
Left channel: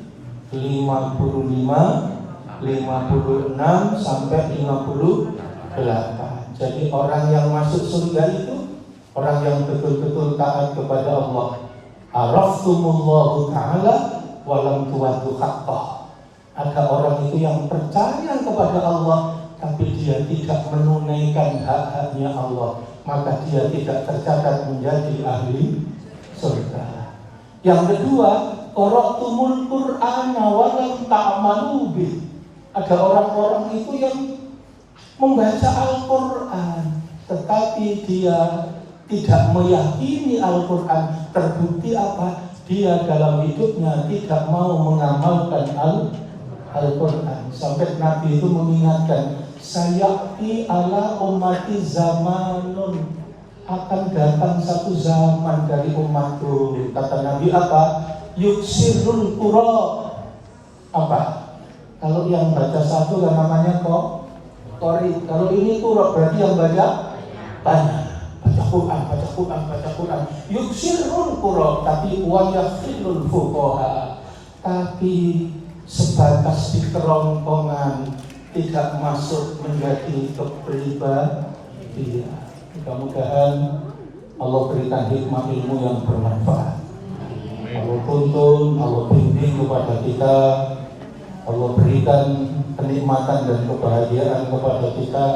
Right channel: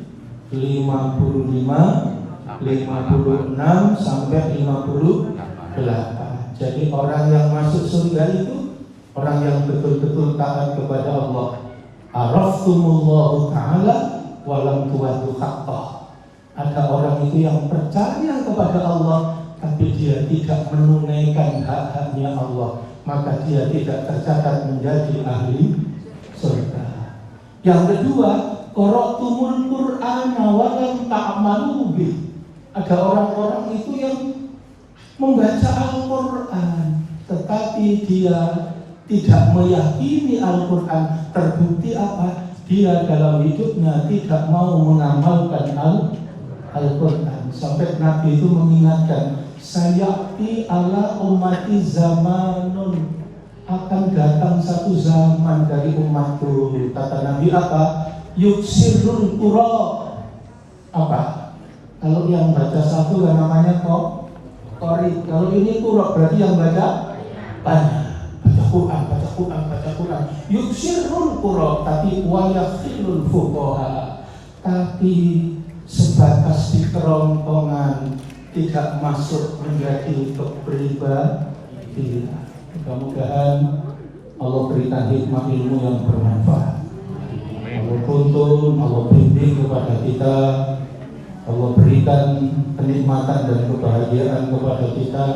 55, 56 sampai 58. Jadi orang yang masuk surga itu orang yang betul-betul taat kepada Allah. Araftumullahu ta'ala walam tuwaddu haqqah. Ada orang itu yang percaya kepada Allah, tapi dia tidak menunaikan hak-haknya Allah, maka dia tidak tercatat menjadi ahli surga. Yang kedua, qara'tumul Qur'ana wa lam ta'malu bih. Ada orang-orang itu yang membaca Al-Quran, tetapi dia tidak meyakini Al-Quran. Terbukti apa? Dia dalam hidupnya tidak mau mengamalkan Al-Quran. Sampai Nabi itu mengingatkan, sayati ala ummati zamanun, akan datang satu zaman dari umatku. Kata Nabi apa? Yuksirul Qura. Apa? Kalau yang baca satu kan namanya qori. Kalau ini Qura berarti yang baca banyak. Baca Quran. Yuksirul Qura, tapi wa yafilul fuqaha. Tapi sebatas di kerongkongan, tidak masuk menjadi kepribadian. Mudah-mudahan Allah berikan hikmah ilmu yang bermanfaat. Allah tuntun, Allah bimbing kepada kita, Allah berikan kenikmatan dan kebahagiaan kepada kita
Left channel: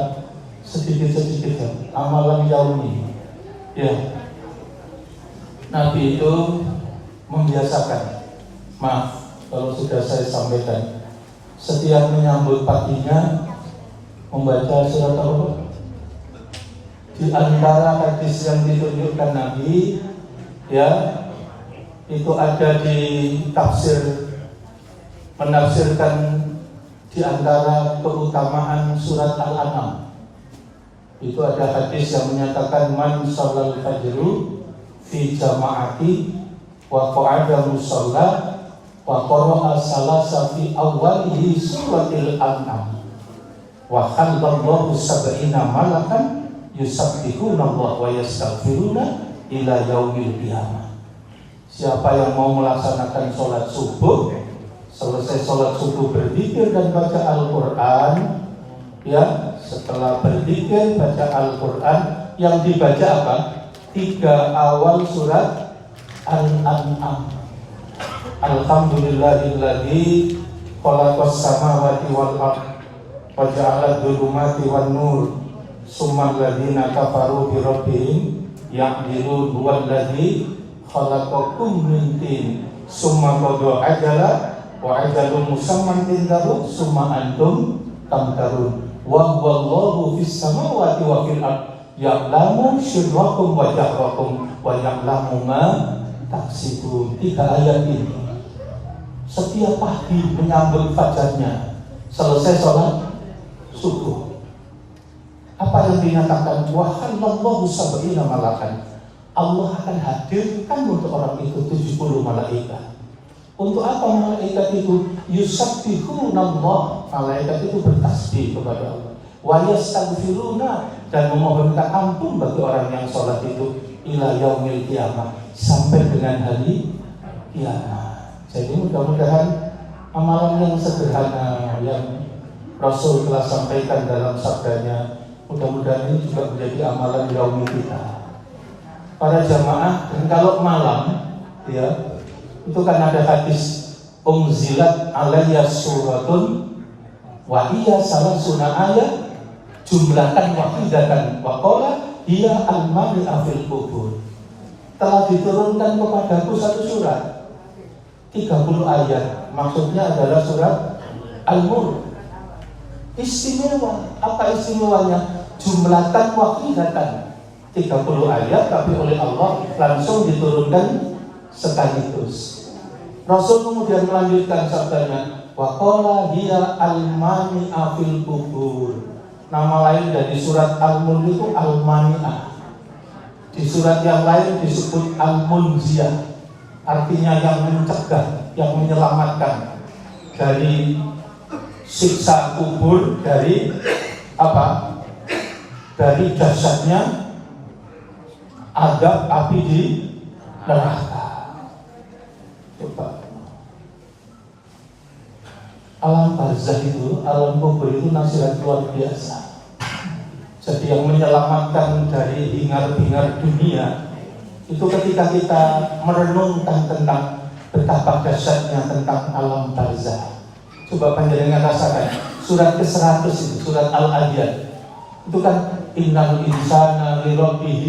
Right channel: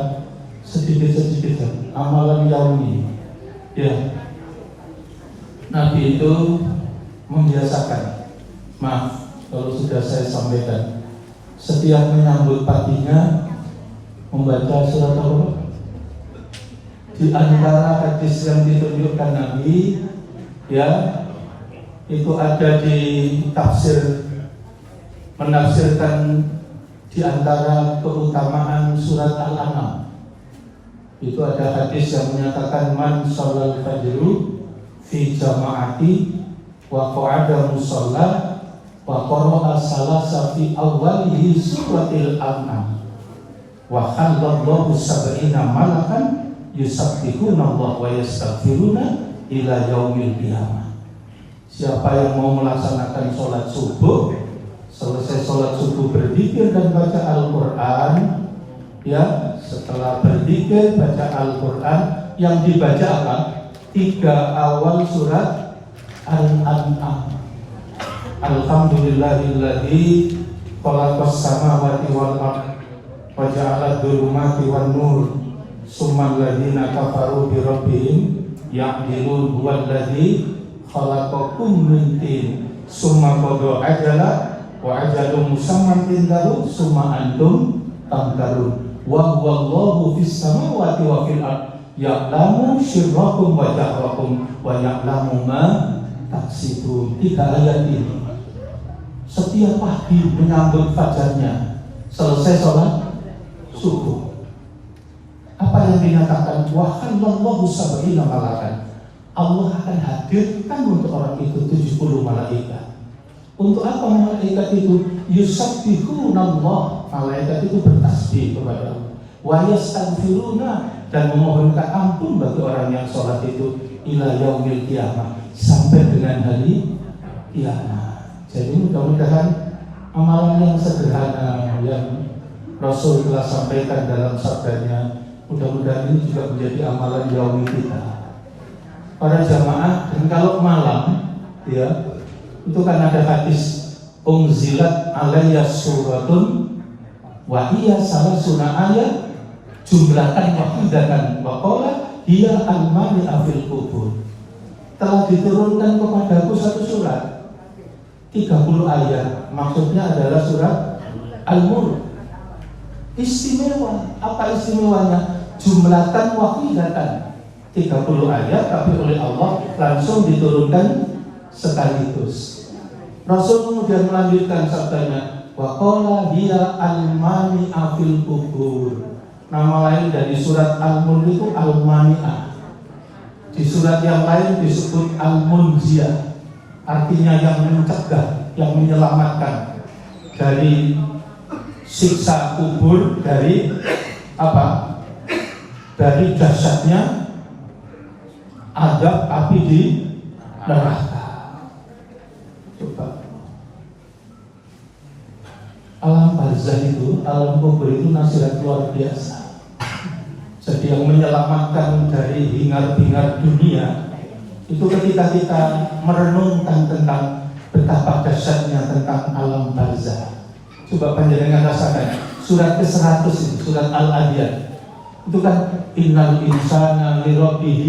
sedikit-sedikit amalan yaumi. Ya, Nabi itu membiasakan, maaf kalau sudah saya sampaikan, setiap menyambut paginya membaca surat apa? Di antara hadis yang ditunjukkan Nabi, ya, itu ada di tafsir, menafsirkan di antara keutamaan surat Al-An'am. Itu ada hadis yang menyatakan man sholal fajru fi jama'ati wa qa'ada musalla wa qara'a salasa fi awwalihi suratil An'am wa khallallahu sab'ina malakan yusabbihuna Allah wa yastaghfiruna ila yaumil qiyamah. Siapa yang mau melaksanakan sholat subuh, selesai sholat subuh berzikir dan baca Al-Quran, ya, setelah berzikir baca Al-Quran, yang dibaca apa? 3 awal surat Al-An'am. Alhamdulillahilladzi khalaqas samawati wal ardh wa ja'ala adh-dhulumati wan nur summal ladzina kafaru bi rabbihim ya'dilun huwallazi khalaqakum min tin summa qada ajala wa ajalun musamman indahu summa antum tamtarun wa huwallahu fis samawati wa fil ardh ya'lamu sirrakum wa jahrakum wa ya'lamu ma taksibun. 3 ayat ini setiap pagi menyambut fajarnya, selesai sholat subuh, apa yang dinyatakan? Wa khallallahu sab'ina malakan. Allah akan hadirkan untuk orang itu 70 malaikat. Untuk apa malaikat itu? Yusabbihuna Allah. Malaikat itu bertasbih kepada Allah. Wa yastaghfiruna, dan memohonkan ampun bagi orang yang sholat itu ila yaumil qiyamah, sampai dengan hari kiamat. Jadi mudah-mudahan amalan yang sederhana yang Rasul telah sampaikan dalam sabdanya, mudah-mudahan ini juga menjadi amalan yaumi kita, para jamaah. Dan kalau malam, ya, itu kan ada hadis unzilat alayya suratun wa hiya salasuna ayat jumlatan wahidatan waqala hiya al-mani afil kubur. Telah diturunkan kepadaku satu surat 30 ayat, maksudnya adalah surat Al-Mulk. Istimewa, apa istimewanya? Jumlatan wahidatan, 30 ayat, tapi oleh Allah langsung diturunkan sekaligus. Rasul kemudian melanjutkan sabdanya, wa qala hiya al-mani'a fil kubur. Nama lain dari surat Al-Mulk itu al-mani'ah. Di surat yang lain disebut al-munziyah, artinya yang mencegah, yang menyelamatkan dari siksa kubur, dari apa? Dari dahsyatnya azab api di neraka. Coba. Alam barzah itu, alam kubur itu nasihat luar biasa. Jadi yang menyelamatkan dari hingar-bingar dunia itu ketika kita merenungkan tentang betapa dahsyatnya tentang alam barzah. Coba panjenengan rasakan surat ke-100 itu, surat Al-Adiyat. Itu kan innal insana li rabbih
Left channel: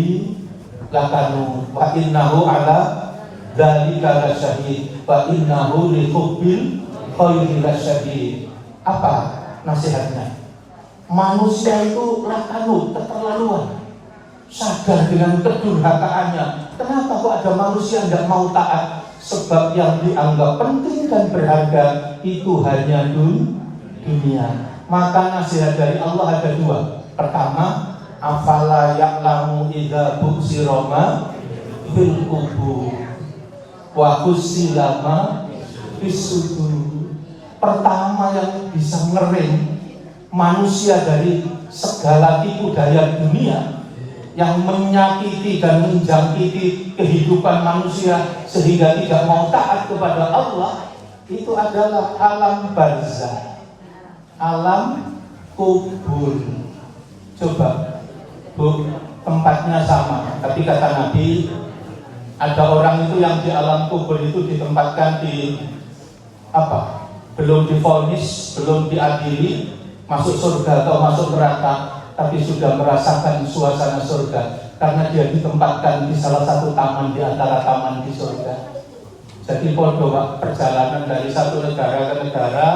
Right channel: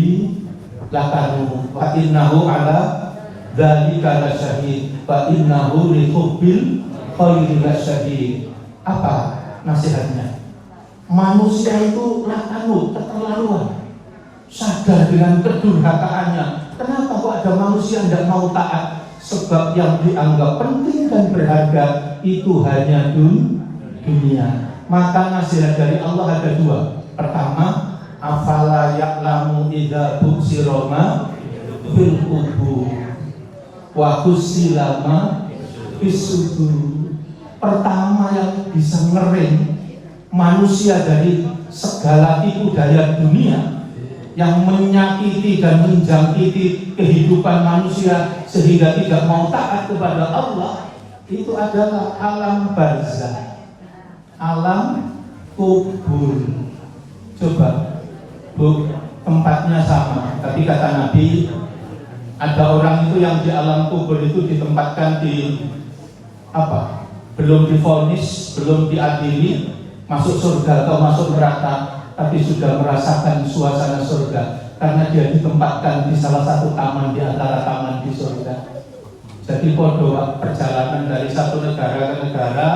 lakanu wa innahu ala dzalika lasyahid wa innahu li hubbil khairi lasyadid. Apa nasihatnya? Manusia itu lakanu, keterlaluan, sadar dengan kedurhakaannya. Kenapa kok ada manusia yang tidak mau taat? Sebab yang dianggap penting dan berharga itu hanya dunia. Maka nasihat dari Allah ada dua. Pertama, afala ya'lamu idza bu'sira ma fil qubur wa husila ma fis sudur. Pertama yang bisa ngering manusia dari segala tipu daya dunia yang menyakiti dan menjangkiti kehidupan manusia sehingga tidak mau taat kepada Allah, itu adalah alam barzah, alam kubur. Coba Bu, tempatnya sama, tapi kata Nabi ada orang itu yang di alam kubur itu ditempatkan di apa? Belum divonis, belum diadili masuk surga atau masuk neraka, tapi sudah merasakan suasana surga karena dia ditempatkan di salah satu taman di antara taman di surga. Jadi podo perjalanan dari satu negara ke negara,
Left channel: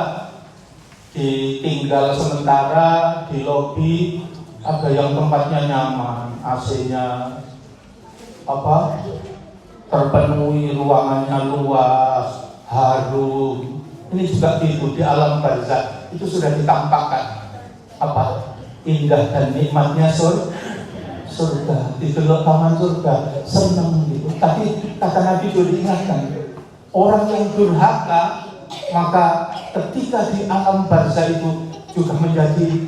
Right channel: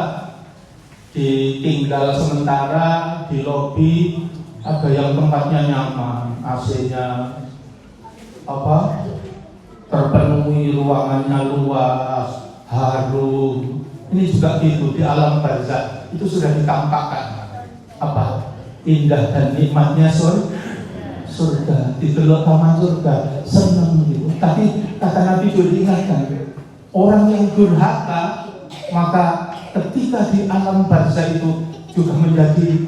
ditinggal sementara di lobi, ada yang tempatnya nyaman, AC-nya apa terpenuhi, ruangannya luas, harum. Ini juga gitu di alam barzah itu sudah ditampakkan apa indah dan nikmatnya surga, di dalam taman surga, senang gitu. Tapi kata Nabi sudah diingatkan, orang yang durhaka maka ketika di alam barzah itu juga menjadi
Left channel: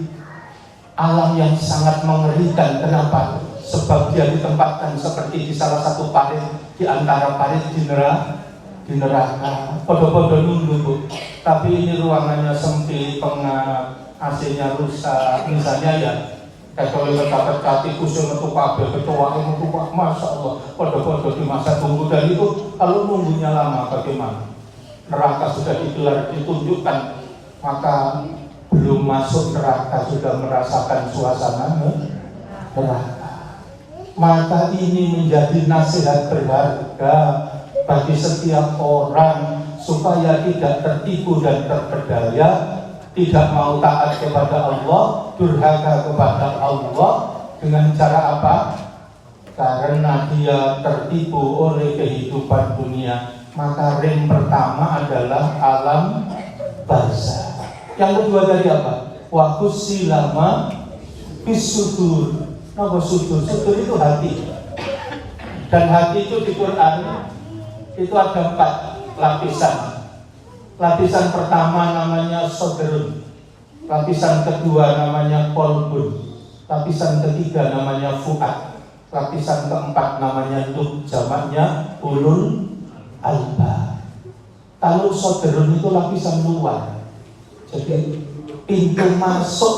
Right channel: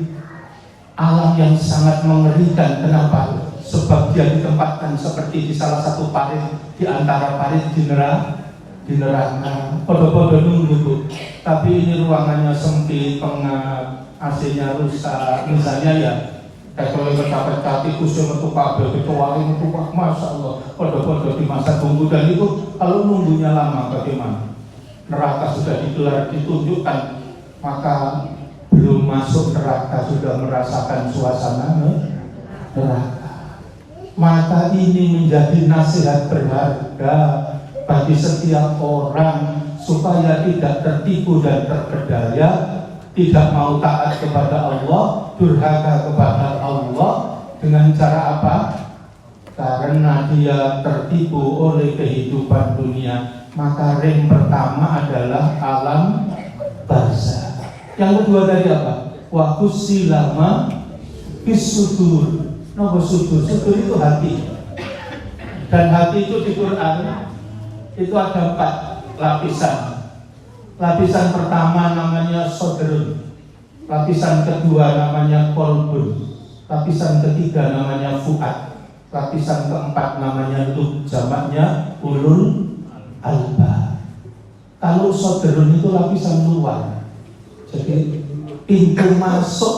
alam yang sangat mengerikan. Kenapa? Sebab dia ditempatkan seperti di salah satu parit di antara parit di neraka. Podo-podo nunggu Bu. Tapi ini ruangannya sempit, pengap, AC-nya rusak. Misalnya ya, kalau pecah-pecah tikus yang metu kabel, kecoa yang metu, masya Allah, podo-podo di masa tunggu. Dan itu kalau nunggunya lama bagaimana? Neraka sudah digelar, ditunjukkan, maka belum masuk neraka sudah merasakan suasana neraka. Maka ini menjadi nasihat berharga bagi setiap orang supaya tidak tertipu dan terpedaya, tidak mau taat kepada Allah, durhaka kepada Allah. Dengan cara apa? Karena dia tertipu oleh kehidupan dunia. Maka ring pertama adalah alam barzah. Yang kedua tadi apa? Wa husilama bisudur. Nama sudur, sudur itu hati. Dan hati itu di Quran itu ada 4 lapisan. Lapisan pertama namanya sodrun, lapisan kedua namanya kolbun, lapisan ketiga namanya fuad, lapisan keempat namanya lub, jamaknya ulul alba. Kalau sodrun itu lapisan luar. Jadi pintu masuk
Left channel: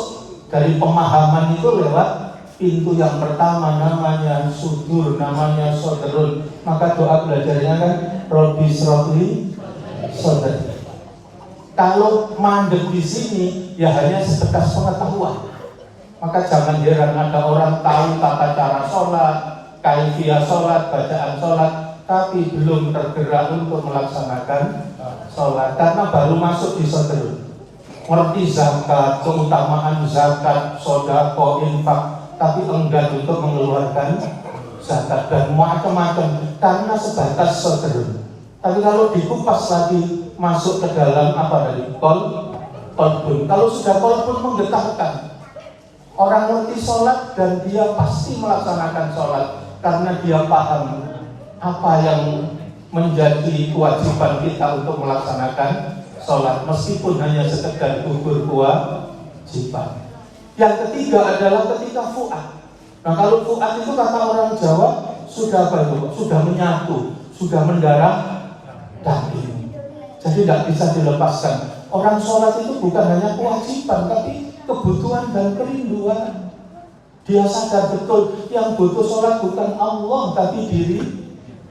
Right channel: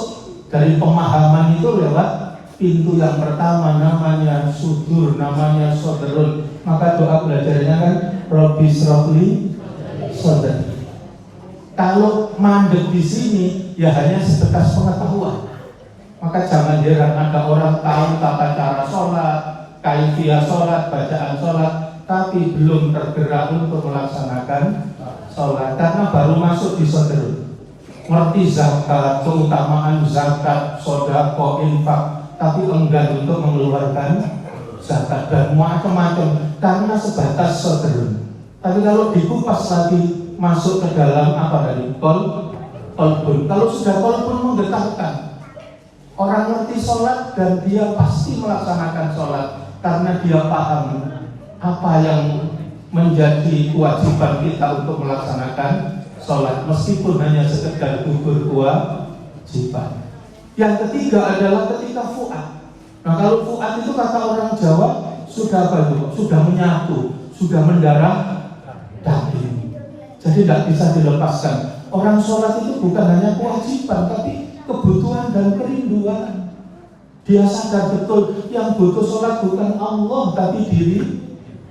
dari pemahaman itu lewat pintu yang pertama namanya sudur, namanya sodrun. Maka doa belajarnya kan Robbi srofli sodri. Kalau mandek di sini ya hanya sebatas pengetahuan. Maka jangan heran ada orang tahu tata cara sholat, kaifiyah sholat, bacaan sholat, tapi belum tergerak untuk melaksanakan sholat karena baru masuk di sodrun. Ngerti zakat, keutamaan zakat, sodako, infak, tapi enggan untuk mengeluarkan zakat dan macam-macam karena sebatas sodrun. Tapi kalau dikupas lagi masuk ke dalam apa dari kolbun. Kalau sudah kolbun menggetarkan, orang ngerti sholat dan dia pasti melaksanakan sholat karena dia paham apa yang menjadi kewajiban kita untuk melaksanakan sholat, meskipun hanya sekedar gugur kewajiban. Yang ketiga adalah ketika fuad. Nah, kalau fuad itu kata orang Jawa sudah sudah menyatu, sudah mendarah daging. Jadi tidak bisa dilepaskan. Orang sholat itu bukan hanya kewajiban, tapi kebutuhan dan kerinduan. Dia sadar betul yang butuh sholat bukan Allah, tapi diri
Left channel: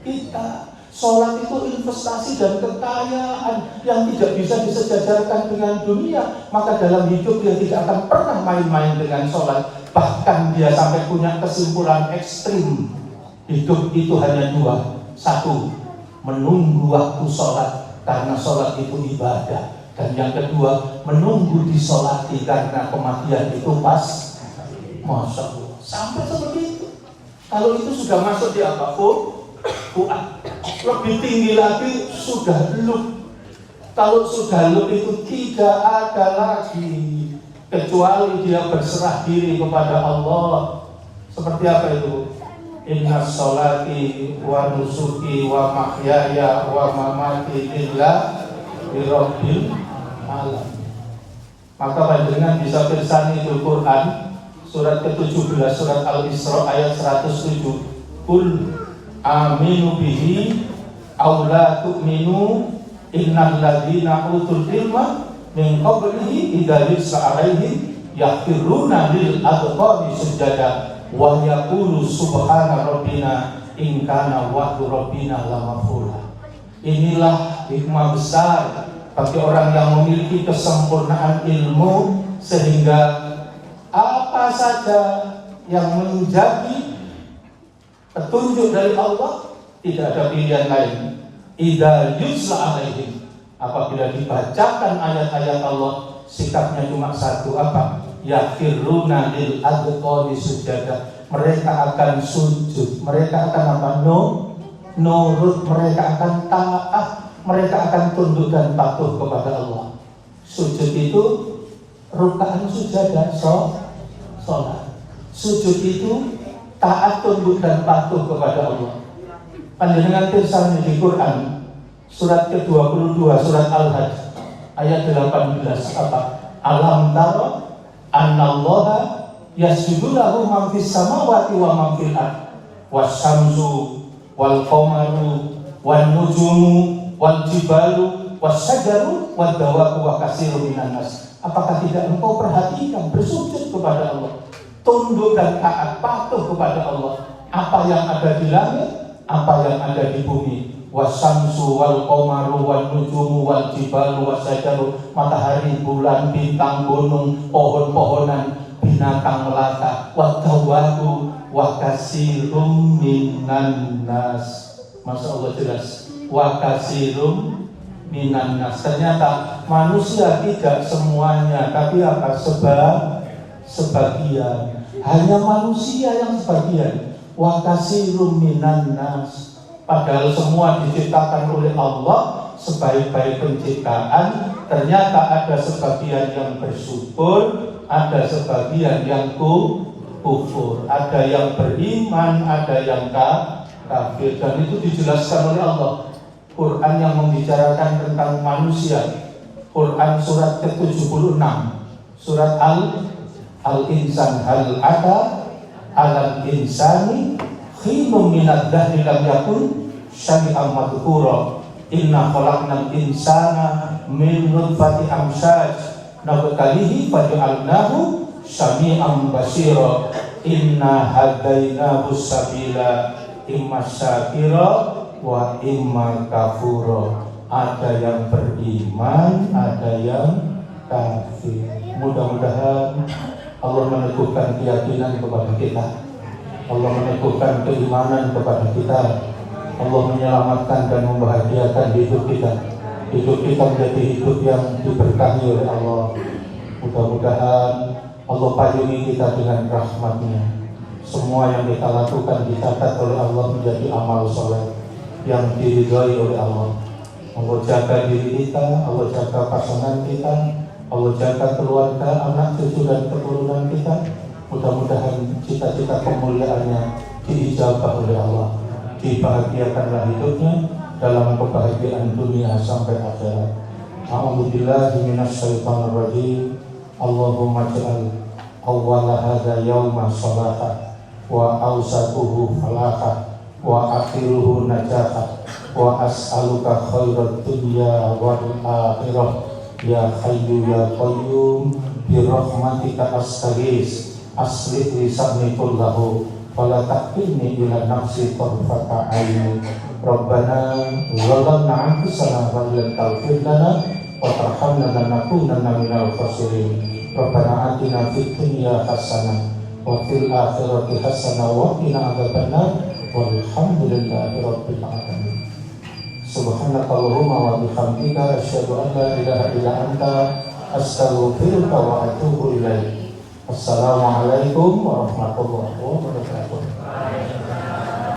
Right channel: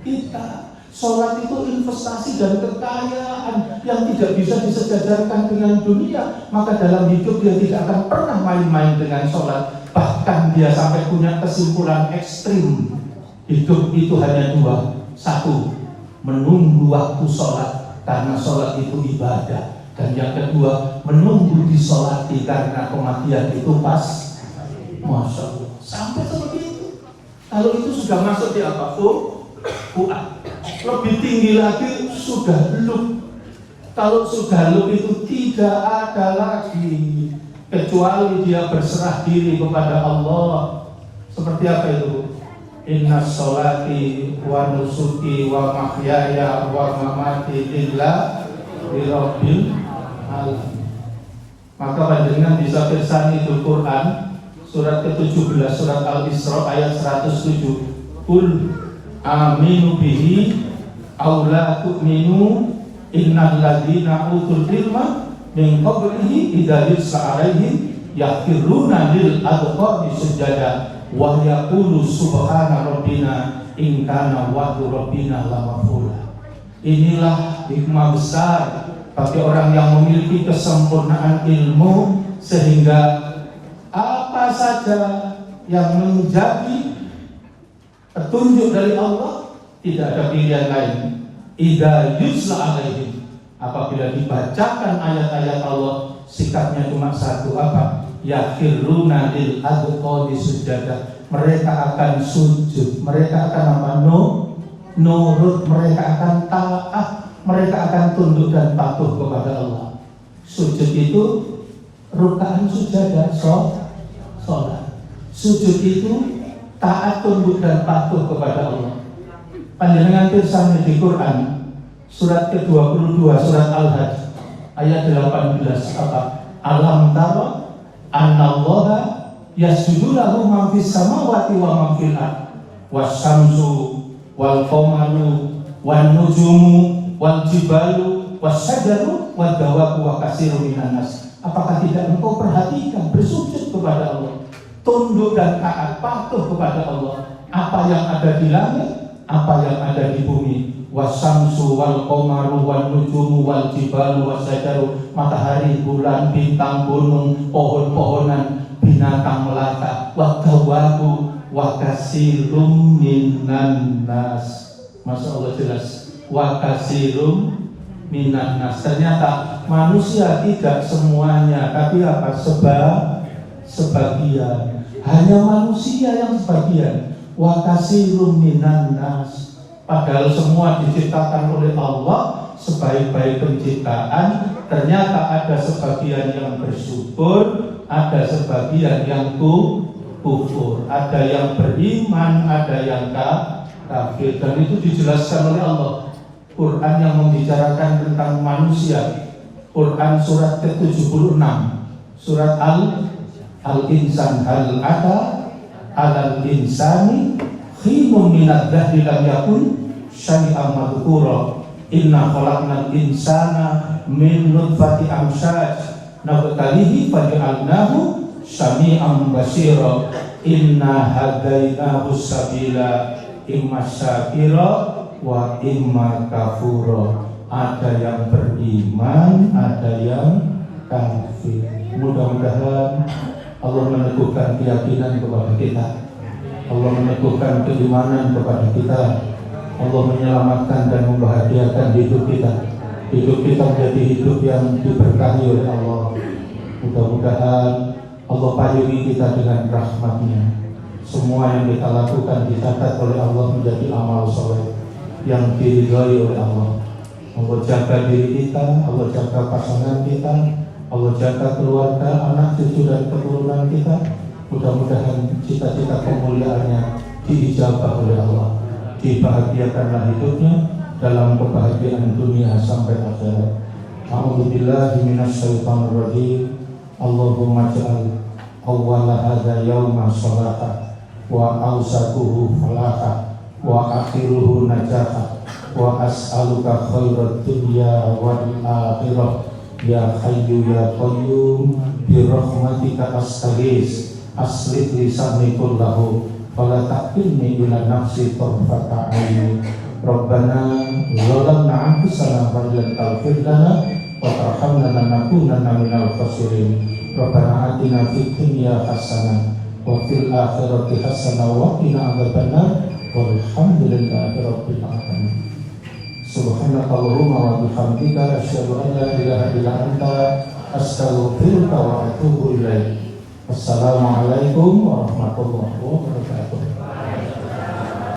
kita. Sholat itu investasi dan kekayaan yang tidak bisa disejajarkan dengan dunia. Maka dalam hidup dia tidak akan pernah main-main dengan sholat. Bahkan dia sampai punya kesimpulan ekstrim. Hidup itu hanya dua. Satu, menunggu waktu sholat karena sholat itu ibadah. Dan yang kedua, menunggu disolati karena kematian itu pas. Masya Allah. Sampai seperti itu. Kalau itu sudah masuk di apa? Fuad. Lebih tinggi lagi sudah lub. Kalau sudah lub itu tidak ada lagi kecuali dia berserah diri kepada Allah. Seperti apa itu? Inna sholati wa nusuki wa mahyaya wa mamati lillahi rabbil alamin. Maka panjenengan bisa bersani di Quran surat ke-17 surat Al-Isra ayat 107. Qul aminu bihi aw la tu'minu innal ladzina utul ilma min qablihi idza yus'a alaihim yakhiruna lil adqani sujada wa yaqulu subhana rabbina in kana wa'du rabbina lamafula. Inilah hikmah besar bagi orang yang memiliki kesempurnaan ilmu sehingga apa saja yang menjadi petunjuk dari Allah tidak ada pilihan lain. Idza yusla alaihim, apabila dibacakan ayat-ayat Allah sikapnya cuma satu, apa? Yakhiruna lil adqani sujada. Mereka akan sujud, mereka akan apa? Nurut, mereka akan taat, mereka akan tunduk dan patuh kepada Allah. Sujud itu rukaan sujada, sholat. Sujud itu taat, tunduk dan patuh kepada Allah. Panjenengan pirsani di Quran surat ke-22 surat Al-Hajj ayat 18 apa? Alam tara annallaha yasjudu lahu man fis samawati wa man fil ard wasyamsu wal qamaru wan nujumu wal jibalu wasyajaru wad dawabu wa katsirun minan nas. Apakah tidak engkau perhatikan bersujud kepada Allah, tunduk dan taat patuh kepada Allah, apa yang ada di langit, apa yang ada di bumi, wasamsu wal qamaru wal nujumu wal jibalu wasyajaru, matahari, bulan, bintang, gunung, pohon-pohonan, binatang melata, wadawabu wa katsirum minan nas. Masya Allah jelas, wa katsirum minan nas. Ternyata manusia tidak semuanya, tapi apa? Sebagian. Hanya manusia yang sebagian. Wa katsirun minan nas. Padahal semua diciptakan oleh Allah sebaik-baik penciptaan. Ternyata ada sebagian yang bersyukur, ada sebagian yang kufur, ada yang beriman, ada yang kafir. Dan itu dijelaskan oleh Allah. Quran yang membicarakan tentang manusia. Quran surat ke-76 surat Al-Insan, hal ada alal insani khinum minad dahri lam yakun syai'an madhkura inna khalaqnal insana min nutfati amsyaj nabtalihi faj'alnahu syami'an basira inna hadainahu sabila imma syakira wa imma kafura. Ada yang beriman, ada yang kafir. Mudah-mudahan Allah meneguhkan keyakinan kepada kita, Allah meneguhkan keimanan kepada kita, Allah menyelamatkan dan membahagiakan hidup kita. Hidup kita menjadi hidup yang diberkahi oleh Allah. Mudah-mudahan Allah paringi kita dengan rahmat-Nya. Semua yang kita lakukan dicatat oleh Allah menjadi amal soleh. yang diridhai oleh Allah. Allah jaga diri kita, Allah jaga pasangan kita, Allah jaga keluarga, anak cucu dan keturunan kita. Mudah-mudahan cita-cita kemuliaannya diijabah oleh Allah, dibahagiakanlah hidupnya dalam kebahagiaan dunia sampai akhirat. A'udzubillahi minasyaitonir rajim. Allahumma ja'al awwala hadza yawma salata wa awsatuhu falaha wa akhiruhu najata wa as'aluka khairat dunya wal akhirah ya hayyu ya qayyum bi rahmatika astaghis aslih lisani kullahu fala taqilni ila nafsi tarfata ain rabbana zalamna anfusana wa lam taghfir lana wa tarhamna lanakunanna minal khasirin rabbana atina fid dunya hasanah wa fil akhirati hasanah wa qina adzabannar walhamdulillahi rabbil alamin. Subhanakallahumma wa bihamdika asyhadu an la ilaha illa anta astaghfiruka wa atubu ilaik. Assalamualaikum warahmatullahi wabarakatuh.